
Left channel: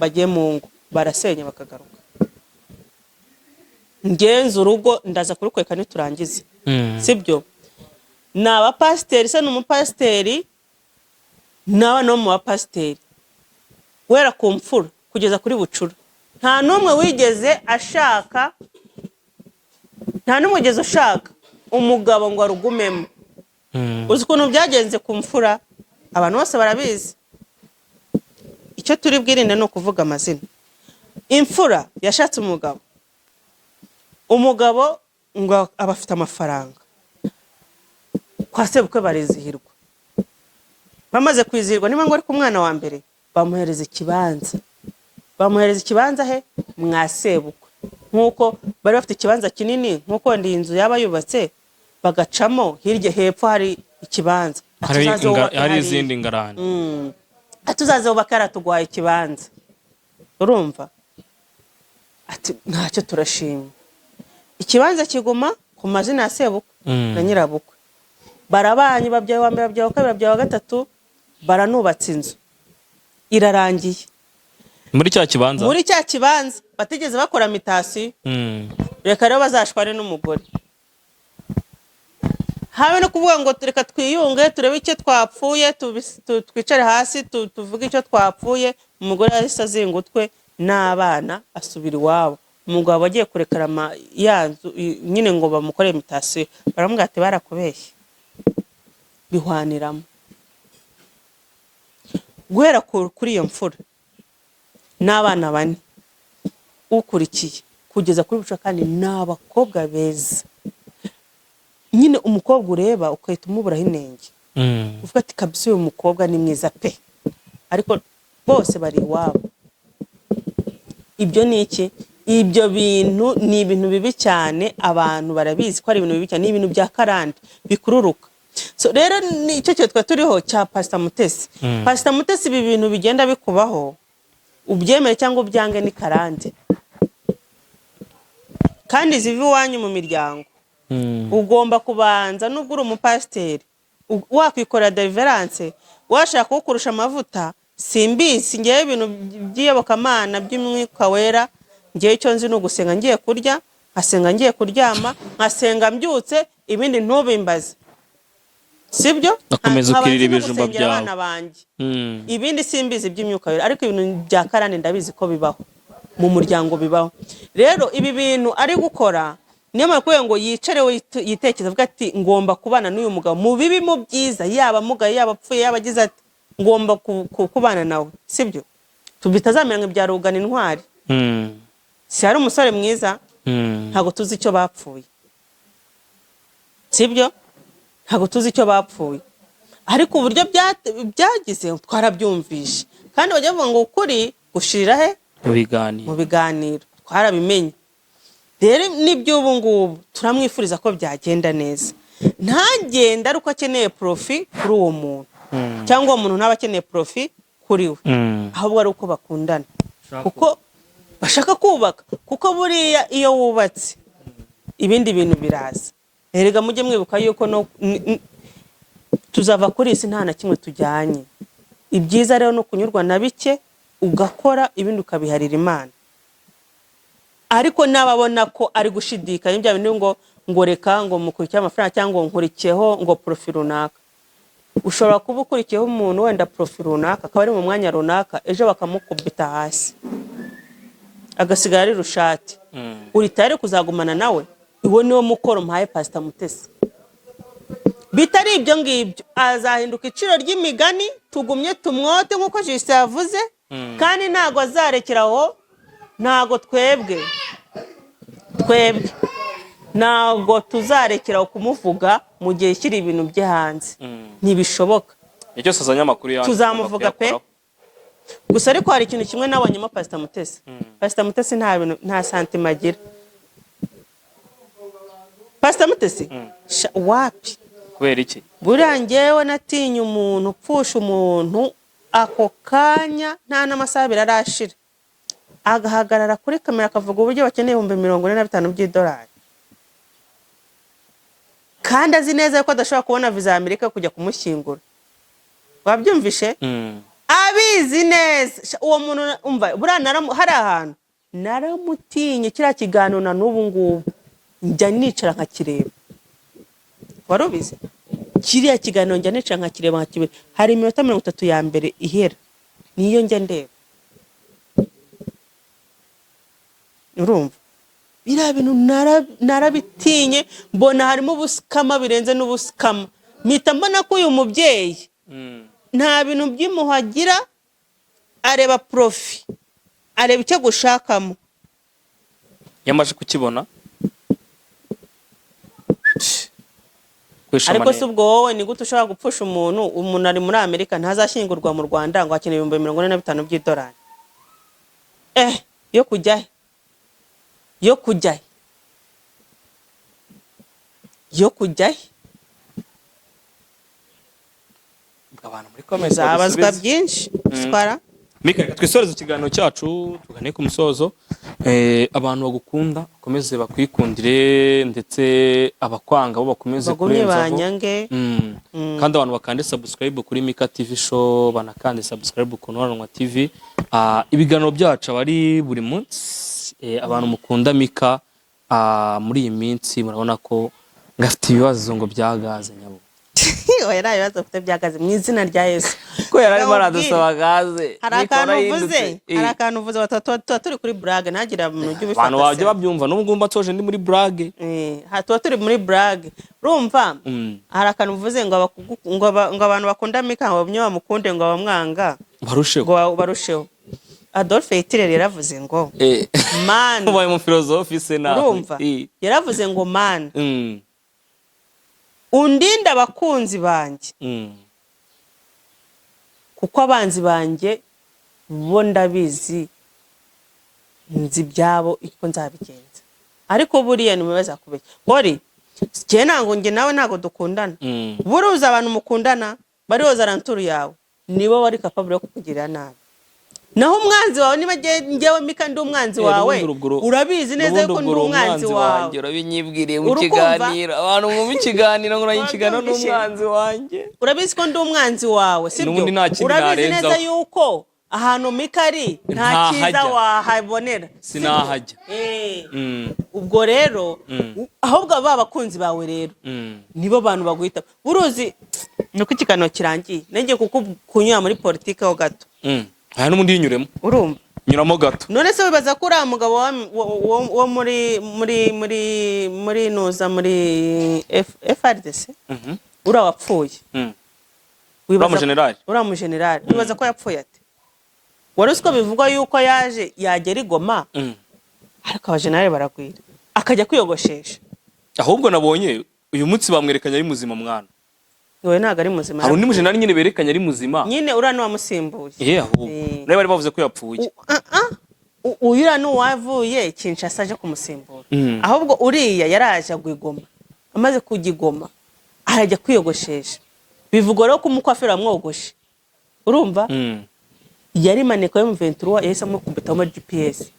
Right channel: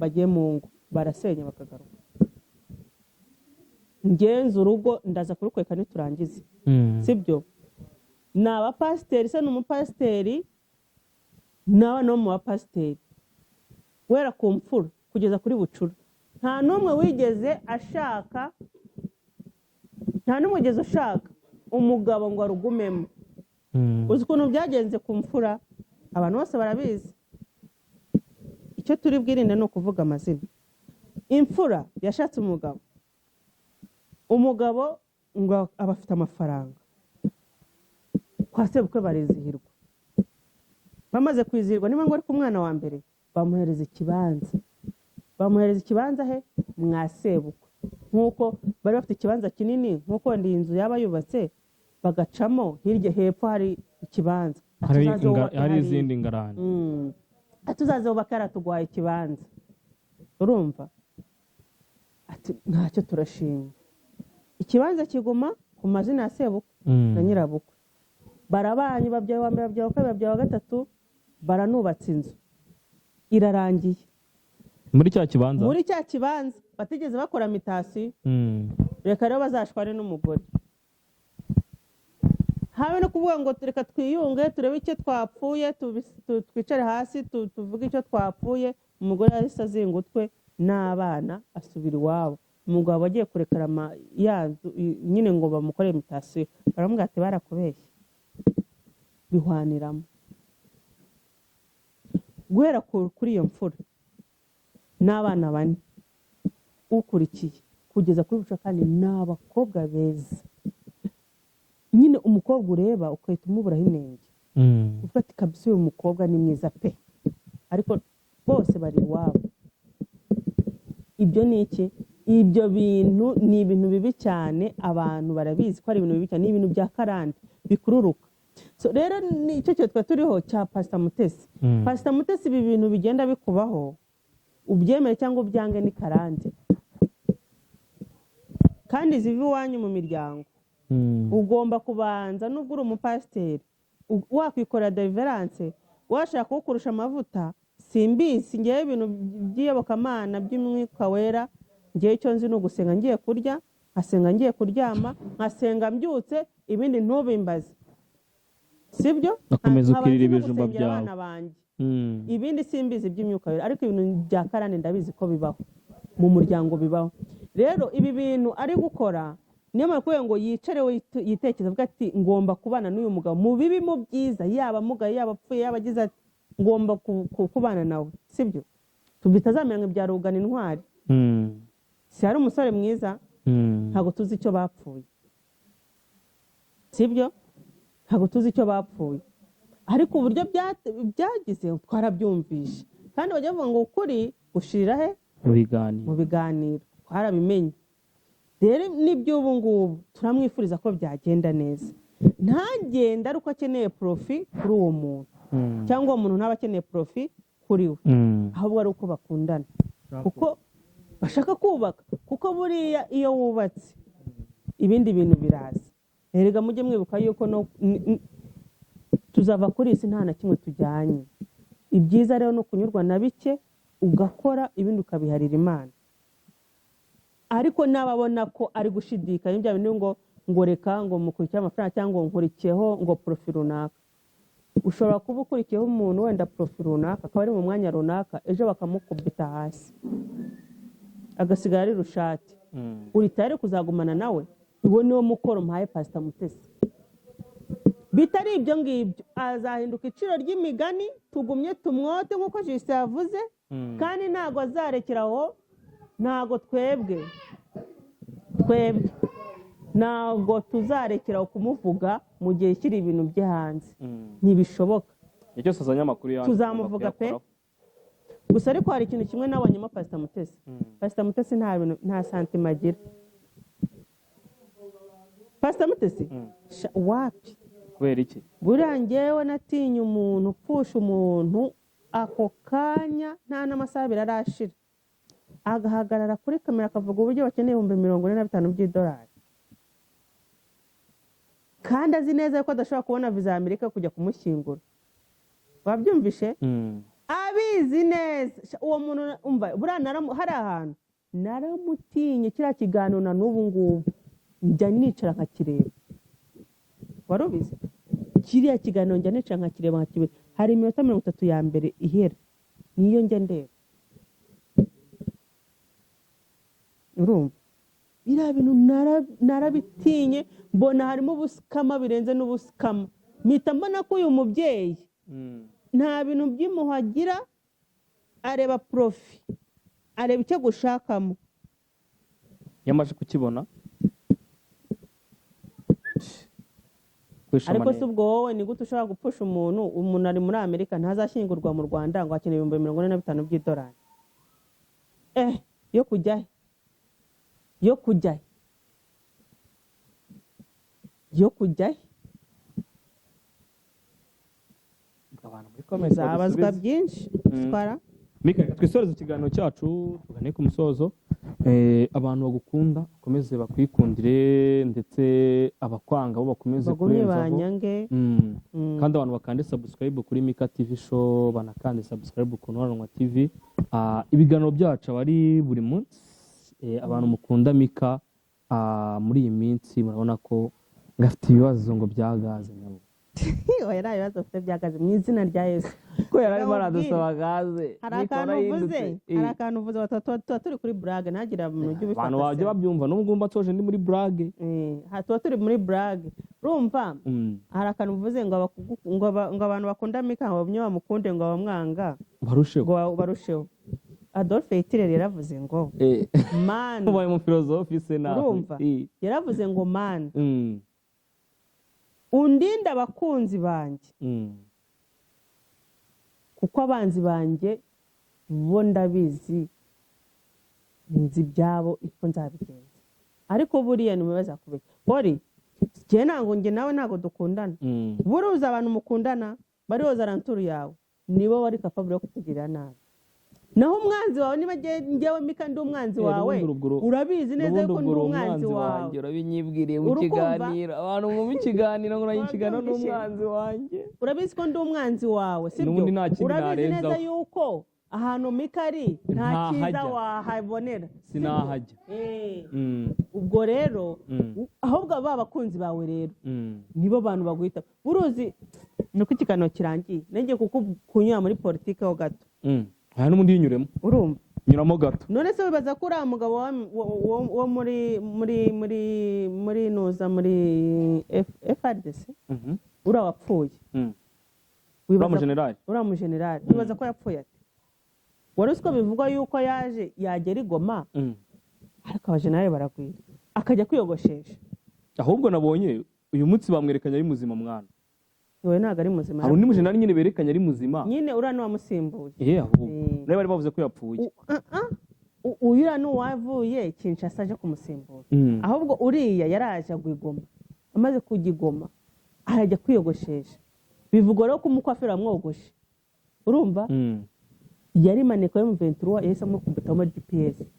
bagiye mu ngo barasenya bakagaruka ngenza urugo ndaza kurukweka niturangize sibyo ni abapasiteri se n'umupasiteri nawe no mu bapasiteri wera ku mfura kugeza kuri bucura nta n'umwe wigeze ashaka nta n'umwe wigeze ushaka umugabo ngo arugumemo uzi ukuntu byagenze ku mfura abantu bose barabizi icyo turi bwirinde ni ukuvuga amazina imfura yashatse umugabo ngo aba afite amafaranga kwa sebukwe barizihirwa bamaze kwizihirwa niba ngo ari ku mwana wa mbere bamuhereza ikibanza he mwa sebukwe nkuko bari bafite ikibanza kinini nkuko ndi inzu yaba yubatse bagacamo hirya hepfo hari ikibanza hari izindi ngarani atuzaze ubaka yaratugwaye ikibanza urumva ati ntacyo turashima ikibanza kiguma ku mazina ya sebukwe na nyirabukwe barabanye babyaye wa mbere babyaye wa kabiri babyaye wa gatatu baranubatse inzu irarangiye muri cya kibanza batigeze bakora mitasi reka rero bazashwane n'umugore, habe no kuvuga ngo reka twiyunge turebe icyo twapfuye, twicare hasi tuvuge icyo twapfuye. Umugore yahise azinga utwe n'abana asubira iwabo. Umugabo agiye kurekera yanzu nyine ngo bamukore imitasiyo, baramubwira ati barakubeshye, bihwaniramo. Guhera kuri iyo mfura n'abana 4 ukurikiye kugeza kuri buca, kandi n'abakobwa beza. Nyine umukobwa ureba ukahita umuburaho inenge, uvuga ati kabisa uyu mukobwa ni mwiza pe, ariko bose bari iwabo. Ibyo ni iki? Ibyo bintu ni ibintu bibi cyane, abantu barabizi ko ari ibintu bibi cyane, ni ibintu bya karande bikururuka. So rero nicyo cyo twa turiho cya Pastor Mutesi. Pastor Mutesi, ibi bintu bigenda bikubaho, ubyemere cyangwa ubyange, ni karande. Kandi zivi wanyu mu miryango, ugomba kubanza, nubwo uri umupasiteri wakwikorera deliverance, washaka kukurusha amavuta, simbizi ngiye ibintu by'iyobokamana by'umwuka wera. Ngiye icyo nzi no gusenga ngiye kurya, nkasenga ngiye kuryama, nkasenga mbyutse, ibindi ntubimbaze, sibyo? Nakomeza ukirira ibijumba byawe. Ibindi simbizi by'imyuka wera, ariko ibintu bya karande ndabizi ko bibaho mu muryango, bibaho. Rero ibi bintu ari gukora, niyo mpamvu ngo yicare we yitekeza, avuga ati ngomba kubana n'uyu mugabo mu bibi mu byiza, yaba mugaye yaba apfuye yaba agize ati ngomba kubana nawe, sibyo? Tubitazamera ngo byarugana intwari. Si hari umusore mwiza, ntago tuzi icyo bapfuye, sibyo? Ntago tuzi icyo bapfuye, ariko uburyo byagize twarabyumvishe, kandi bajya bavuga ngo ukuri gushirira he? Mu biganiro. Twarabimenye. Rero nibyo ubu ngubu turamwifuriza ko byagenda neza, ntagenda ari uko akeneye profi kuri uwo muntu, cyangwa uwo muntu ntaba akeneye profi kuri we, ahubwo ari uko bakundana, kuko bashaka kubaka. Kuko buriya iyo wubatse ibindi bintu biraza. Erega mujye mwibuka yuko tuzava kuri isi nta na kimwe tujyanye. Ibyiza rero no kunyurwa na bike, ugakora ibindi ukabiharira Imana. Ariko nababona ko ari gushidikanya ibya bintu ngo reka ngo mukurikiye amafaranga cyangwa nkurikiyeho ngo profi runaka. Ushobora kuba ukurikiyeho umuntu wenda profi runaka, akaba ari mu mwanya runaka, ejo bakamukubita hasi agasigara ari rushati. Uri tayari kuzagumana nawe? Iwo niwo mukoro mpaye Pastor Mutesi. Bitari ibyo ngibyo, azahinduka iciro ry'imigani, tugumye tumwote nkuko Jise yavuze, kandi ntago azarekeraho. Ntago twebwe ntago tuzarekeraho kumuvuga mu gihe kiri ibintu bye hanze. Ntibishoboka. Icyo sazanya makuru yanyu tuzamuvuga pe. Gusa ariko hari ikintu kimwe nabonyemo Pastor Mutesi. Pastor Mutesi nta santima agira. Pastor Mutesi wapi? Kubera iki? Buriya njyewe natinye umuntu upfusha umuntu ako kanya nta n'amasaha abiri arashira, agahagarara kuri kamera akavuga uburyo bakeneye $45,000 by'idolari, kandi azi neza ko adashobora kubona visa ya Amerika kujya kumushyingura. Wabyumvishe? Abizi neza uwo muntu. Umva buriya hari ahantu naramutinye, kiriya kiganiro na n'ubu ngubu njya nicara nkakireba. Warubize? Kiriya kiganiro njya nicara nkakireba nkakibera, hari 30 ya mbere ihera niyo njya ndeba. Urumva? Biriya bintu narabitinye, mbona harimo ubusikama birenze n'ubusikama. Mpita mbona ko uyu mubyeyi nta bintu by'imuhagira, areba profi, areba icyo gushakamo. Yamaje kukibona. Ariko si ubwo wowe ni gute ushobora gupfusha umuntu ari muri Amerika ntazashyingurwa mu Rwanda ngo akeneye $45,000 by'idolari? Yo kujya abantu muri comments zabazwa byinshi. Twara Mika, twisoreze ikiganiro cyacu tugane ku musozo. Abantu bagukunda bakomeze bakwikundire, ndetse abakwanga bo bakomeze kurenzaho, kandi abantu bakande subscribe kuri Mika TV show, banakande subscribe ku Nwaranwa TV. Ibiganiro byacu abari buri munsi. Abantu mukunda Mika muri iyi minsi murabona ko ngafite ibibazo ngo bya gaze nyabo. oya nta bibazo ufite byagaze mu izina rya Yesu. Ko yari arimo aradusaba gaze. Hari akantu uvuze tuba turi kuri blague ntagira mu buryo bifata. Abantu bajye babyumva n'ubwo ngumba toje ndi muri blague. Tuba turi muri blague. Urumva? Hari akantu uvuze ngo abantu bakunda Mika ngo bamwe bamukunde ngo bamwanga. Barusheho. Adolphe Hitler yaravuze ngo man. Ubaye mu philosophe se nawe. Urumva? Yaravuze ngo man. Undinda abakunzi banjye kuko abanzi banjye bo ndabizi nzi byabo iko nzabigenza ariko buriya nimubaza kubeshya hori je nango nge nawe nago dukundana buruza abantu mukundana barihoza ranturu yawe nibo bari capable yo kukugirira nabi naho umwanzi wawe niba ngewe Mika ndi umwanzi wawe urabizi neza yuko ndi umwanzi wawe urabinyibwiriye mu kiganiro abantu mu kiganiro ngo nayikigana n'umwanzi wanjye urabizi ko ndi umwanzi wawe sibyo urabizi neza yuko ahantu Mika ari nta cyiza wahabonera sinahajya ubwo rero ahubwo abakunzi bawe rero nibo bantu baguhita buruzi nuko ikiganiro kirangiye nenge kuko kunyura muri politike ho gato aya n'umundi yinyuremo urumva nyuramo gato none se wibaza ko uriya mugabo wo muri nuza muri FRDC uriya wapfuye uriya mu generali wibaza ko yapfuye ate wari uzi ko bivugwa yuko yaje yagera i Goma ariko abajenerali baragwira akajya kwiyogoshesha ahubwo nabonye uyu munsi bamwerekanye ari muzima mwana we ntago ari muzima hari undi mujenerali nyine berekanye ari muzima nyine uriya n'uwamusimbuye ahubwo nawe bari bavuze ko yapfuye uriya n'uwavuye Kinshasa aje kumusimbura ahubwo uriya yaraje agwigoma amaze kugigoma arajya kwiyogoshesha bivugwa rero ko umukwafira amwogoshe urumva yari maneko yo mu 23 yahise amukubita mu GPS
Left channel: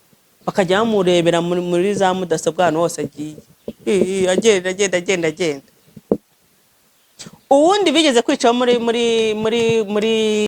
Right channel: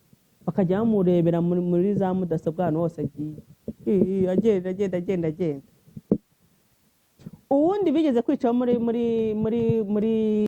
bakajya bamurebera muri za mudasobwa hano hose agiye agenda uwundi bigeze kwica muri